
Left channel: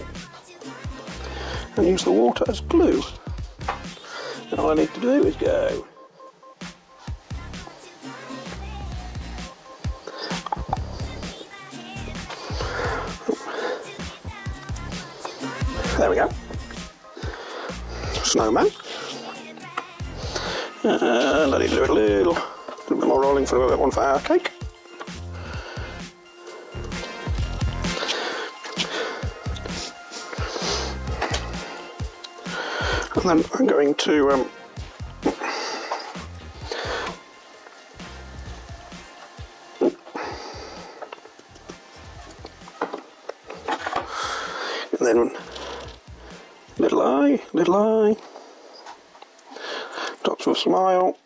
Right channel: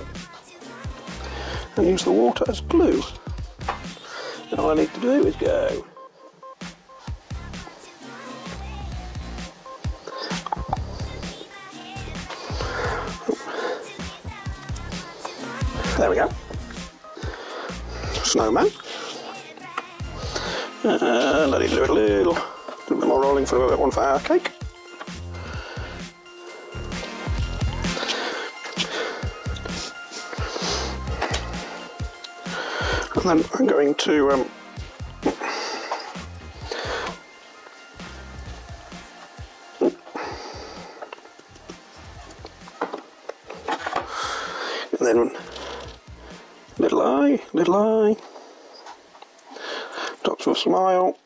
and use the water as glue. And all I need to do is go there we go. Snowman. Let it do a little rolling through the fire cake. And then I'm going to and then little eye, dots for a smile,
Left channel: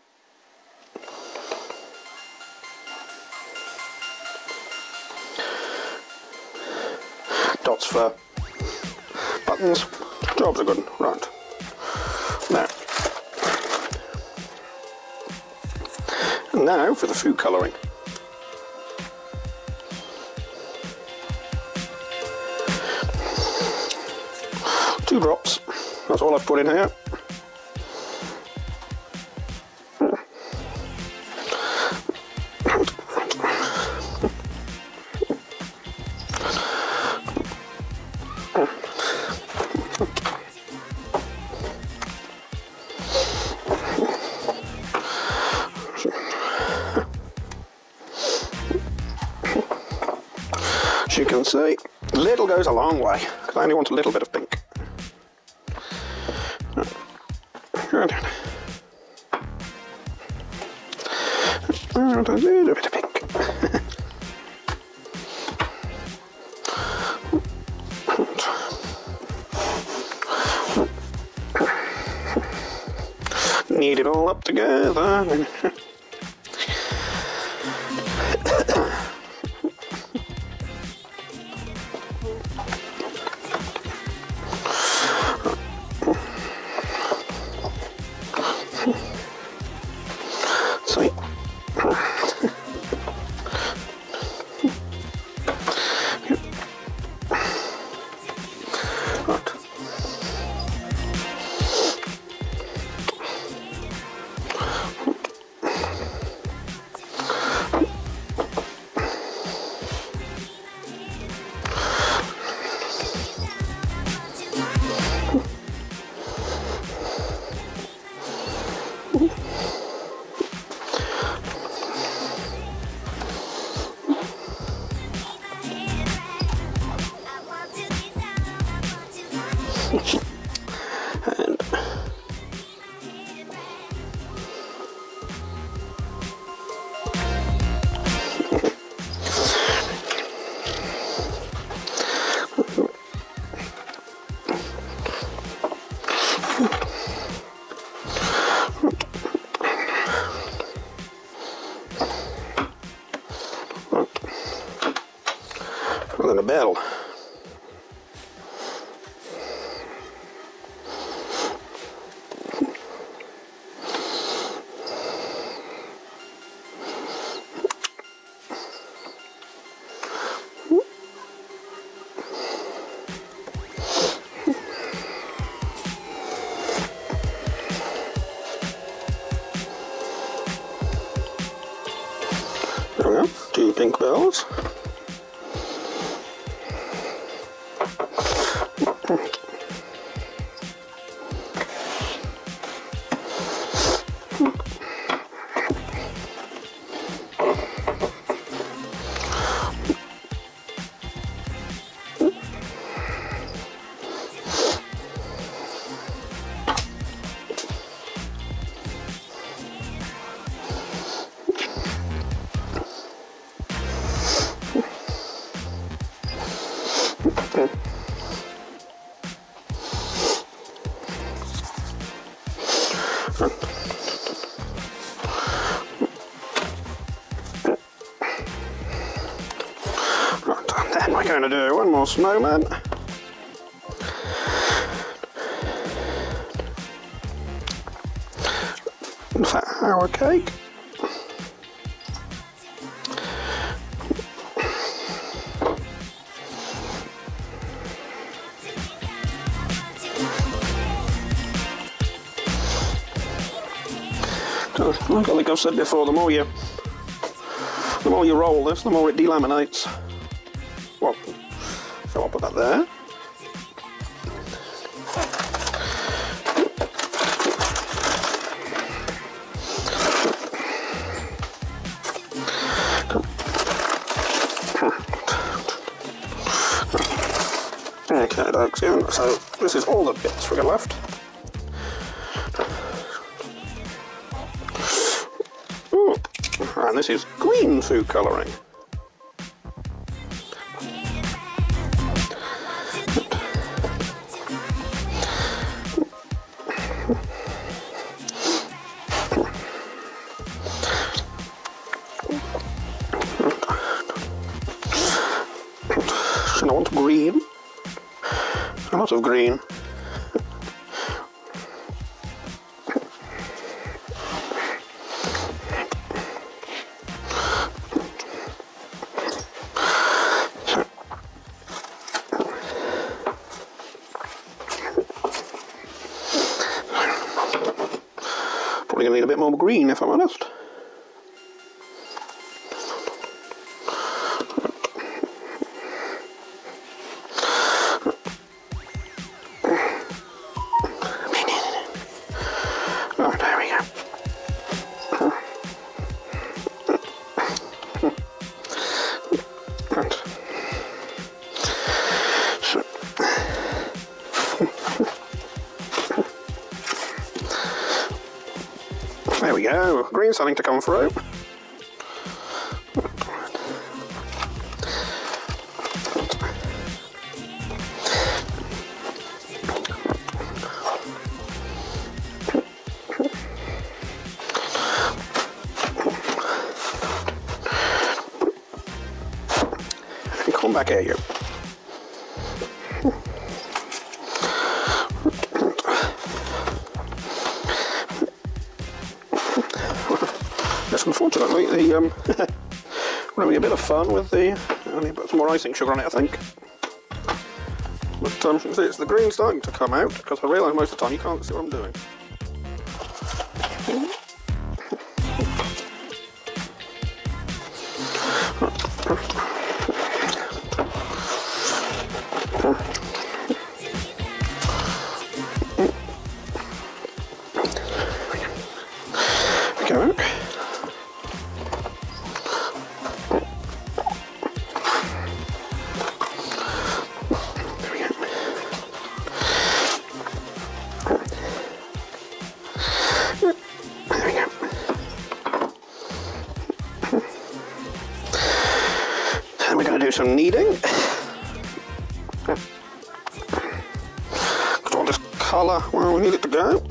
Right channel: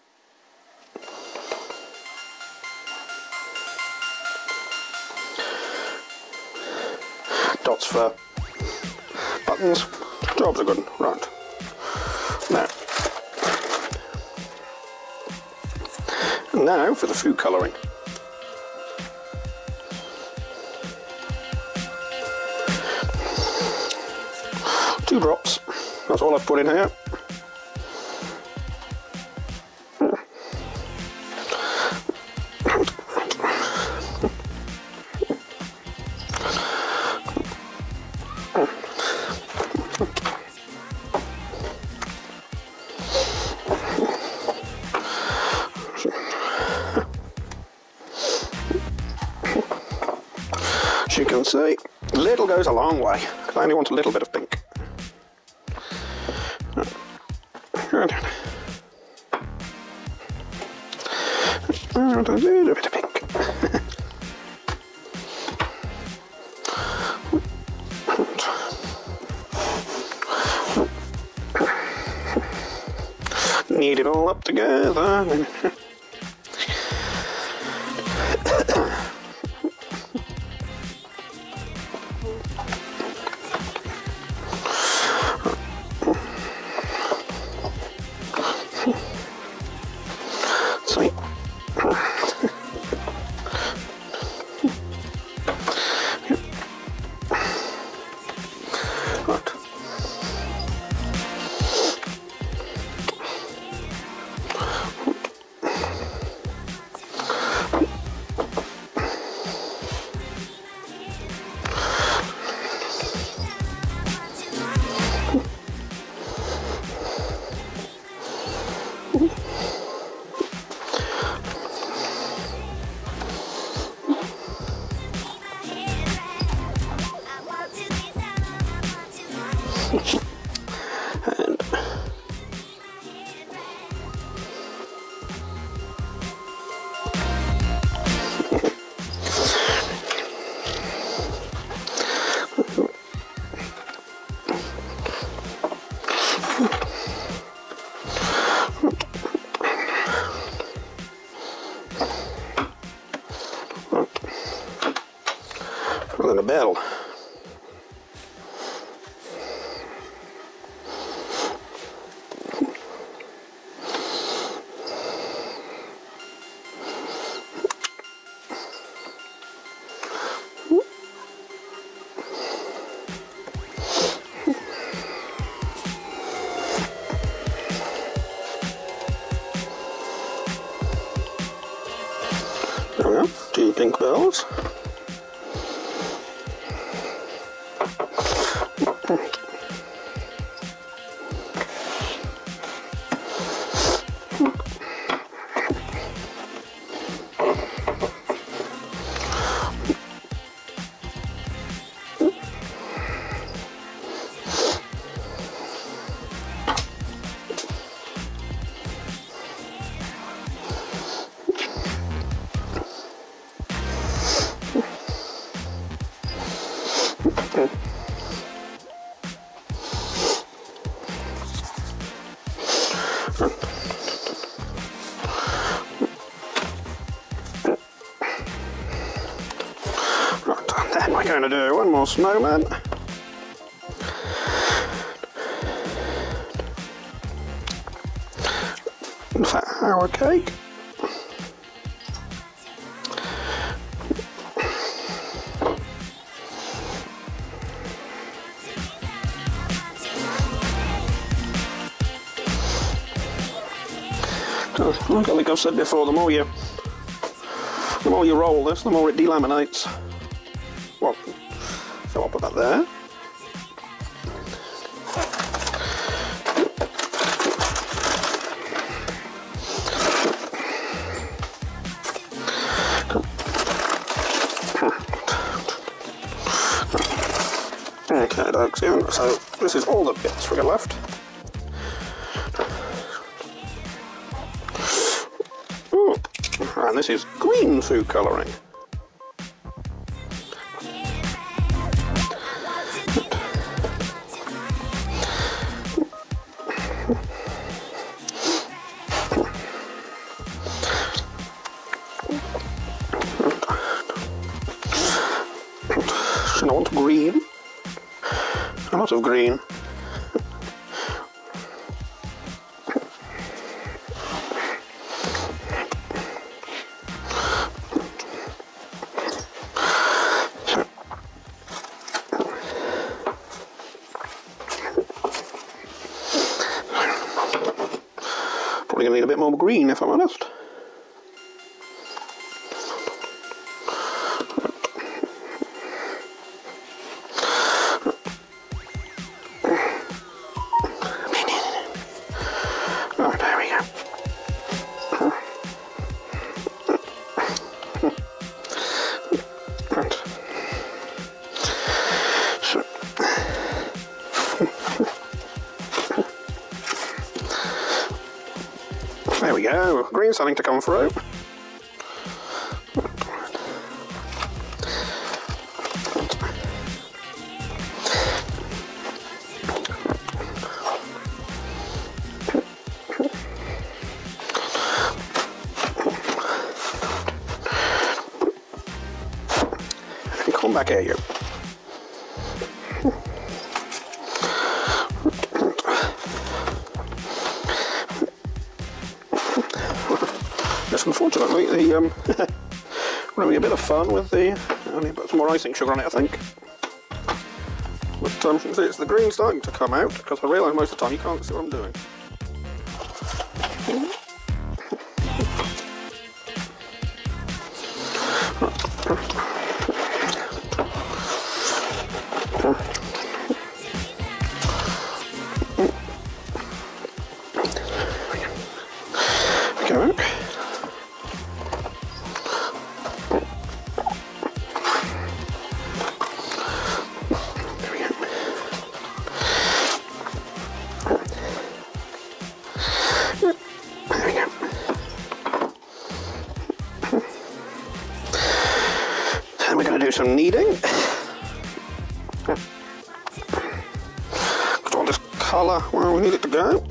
dots for buttons. Jobs are good, right. Now for the food colouring. Two drops, that's all I've put in here. As you can see, little goes a long way. I only want a little bit of pink. A little bit of pink. Knead it all up together. And and a bell. There we are, 2 pink bells. Then we're going to do one more snowman. Flour cake. Like I've said before, the more you roll this, the more it delaminates. Well, so I'll put that there. Okay, that's it. So this is all the bits we got left. Ooh, and this is green food colouring. And I want green. A lot of green. Probably gonna need a bit more green if I'm honest. There we go, green's starting to come through. Come back here. Yes, unfortunately, the running a bit of fun with the. I need to put some more icing sugar in it, I think. So you can see it's the green starting to come out because I realise most of the time you can't see what I'm doing. Go. fading. Got all this colour where we need it to go.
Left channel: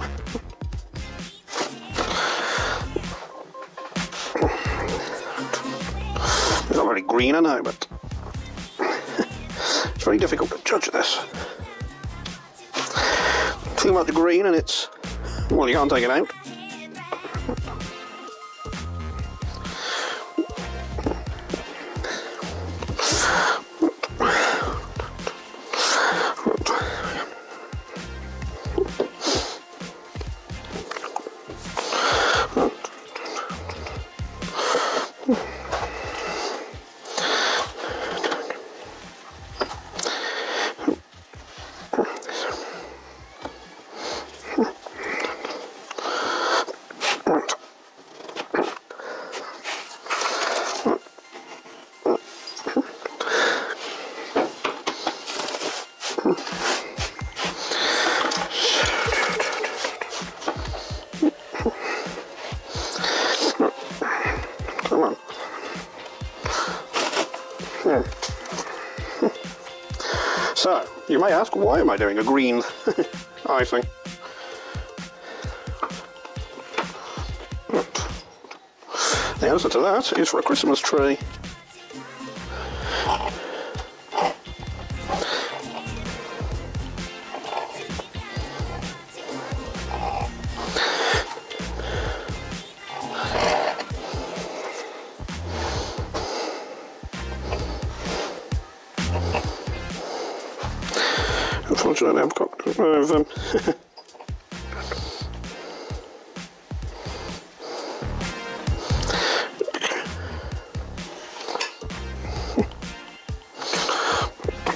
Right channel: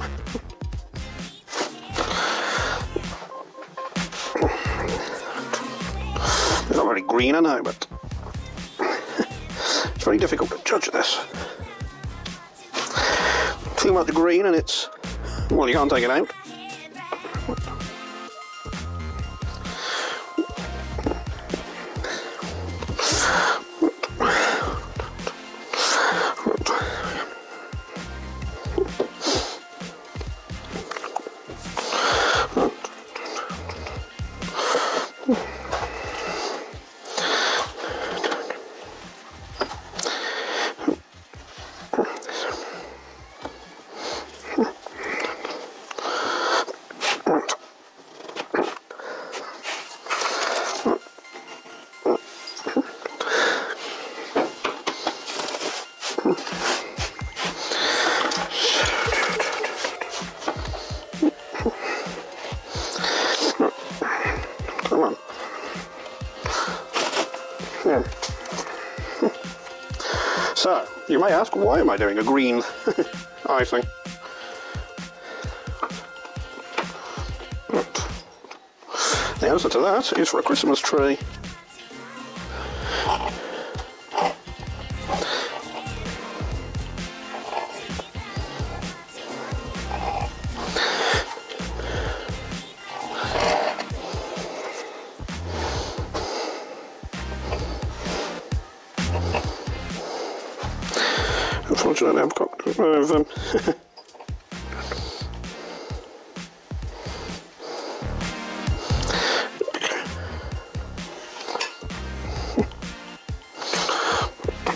It's not very green, I know, but it's very difficult to judge this. Think about the green and it's, well, you can't take it out. Come on. Yeah. So, you may ask, why am I doing a green icing? The answer to that is for a Christmas tree. Unfortunately, I've got them.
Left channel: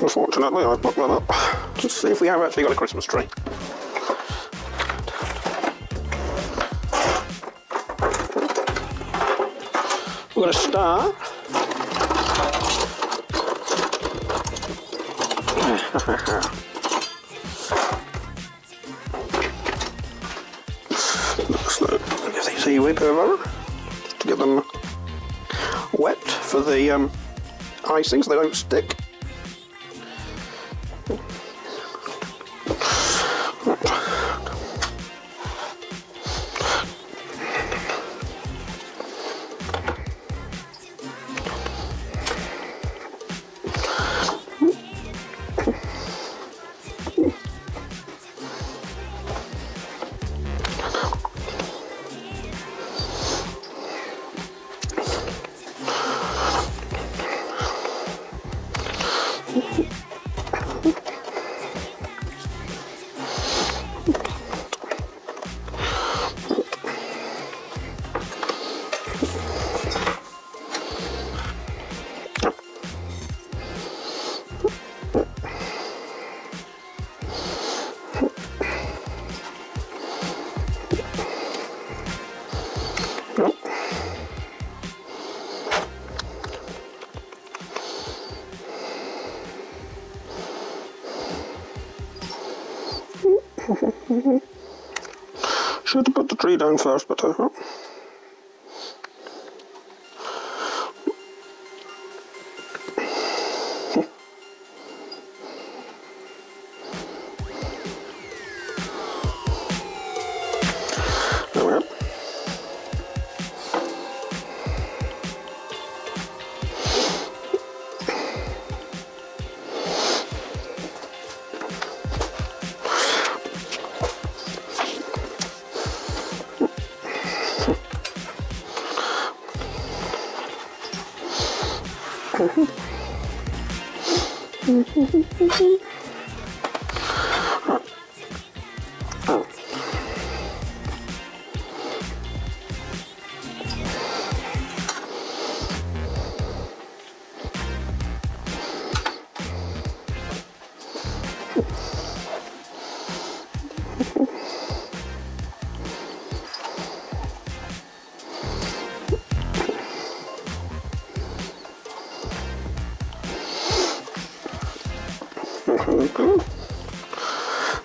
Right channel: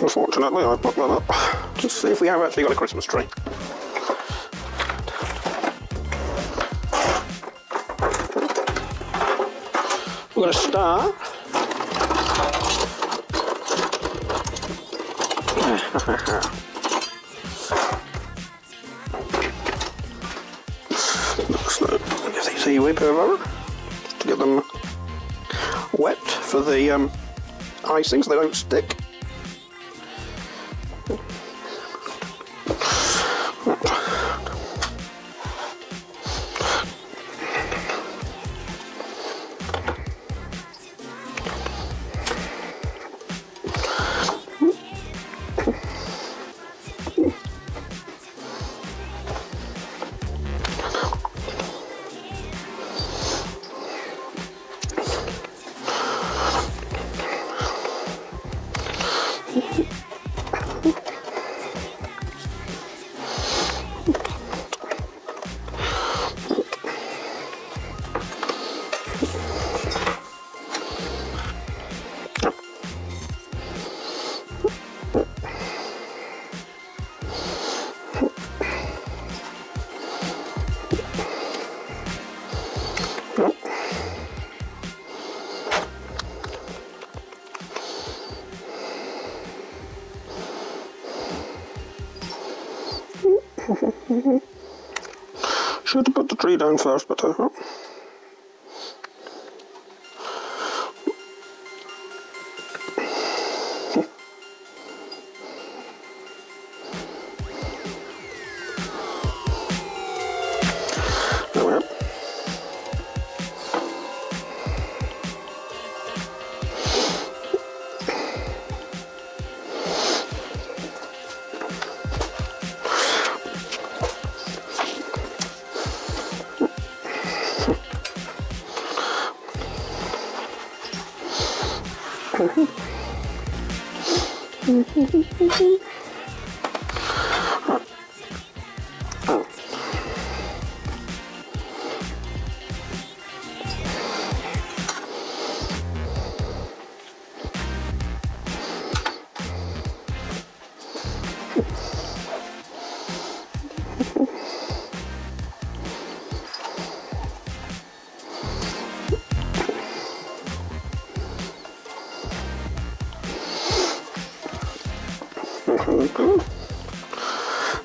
Unfortunately, I put that up to see if we have actually got a Christmas tree. We've got a star. See, we're going to get them wet for the icing so they don't stick. Should have put the tree down first, but I hope.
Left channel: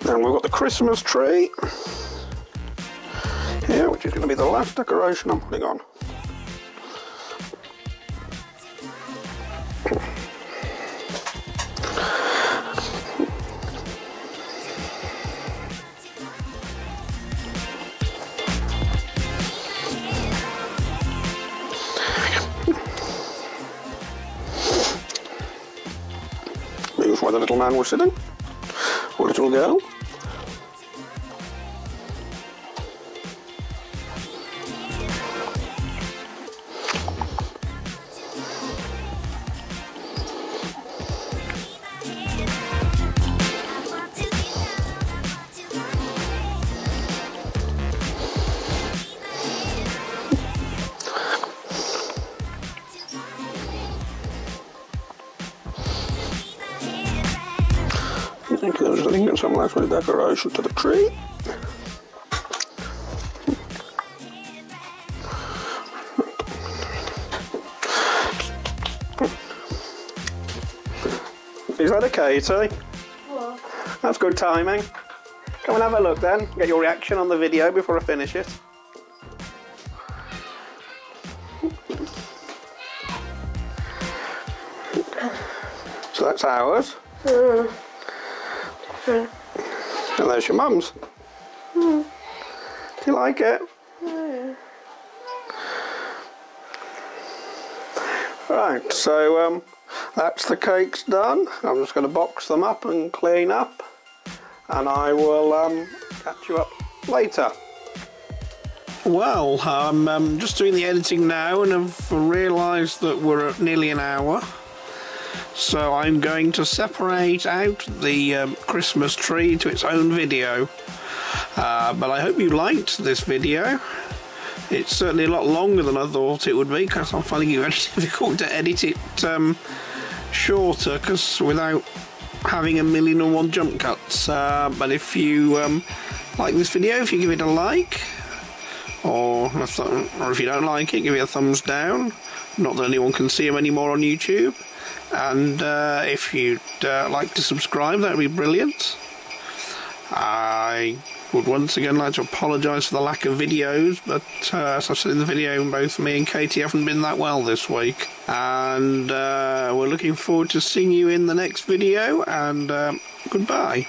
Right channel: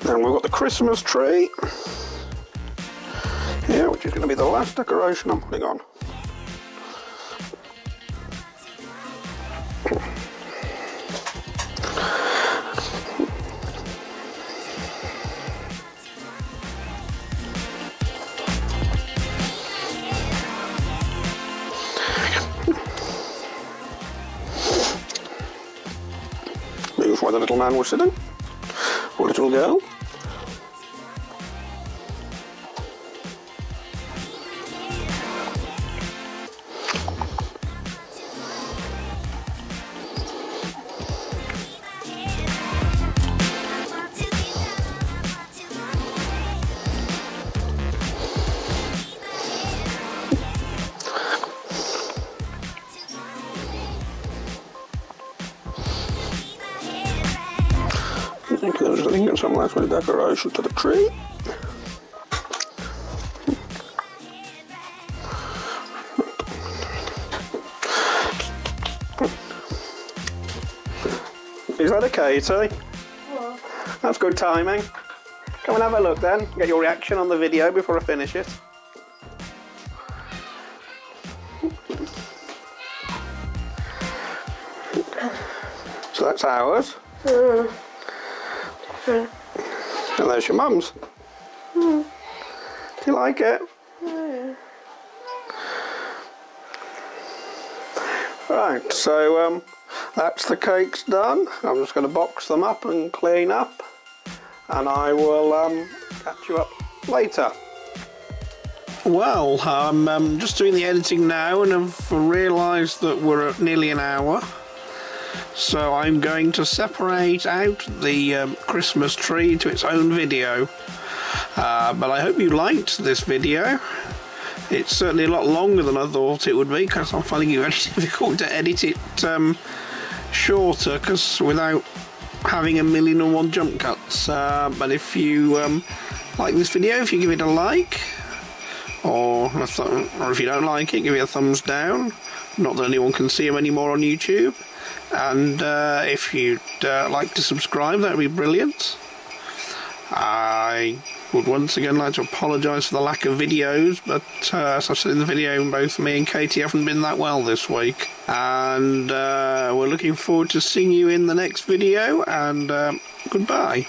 And we've got the Christmas tree here, which is going to be the last decoration I'm putting on. Just where the little man was sitting. Or little girl. There's a link at some last with decoration. You ready, Katie? That's good timing. Come and have a look then. Get your reaction on the video before I finish it. So that's ours. And there's your mum's. Do you like it? Right, so that's the cakes done. I'm just going to box them up and clean up, and I will catch you up later. Well, I'm just doing the editing now, and I've realised that we're at nearly an hour. So I'm going to separate out the Christmas tree to its own video. But I hope you liked this video. It's certainly a lot longer than I thought it would be, because I'm finding it very difficult to edit it shorter, because without having 1,000,001 jump cuts. But if you like this video, if you give it a like, or if you don't like it, give it a thumbs down. Not that anyone can see them anymore on YouTube. And if you'd like to subscribe, that would be brilliant. I would once again like to apologise for the lack of videos, but as I've said in the video, both me and Katie haven't been that well this week. And we're looking forward to seeing you in the next video, and goodbye.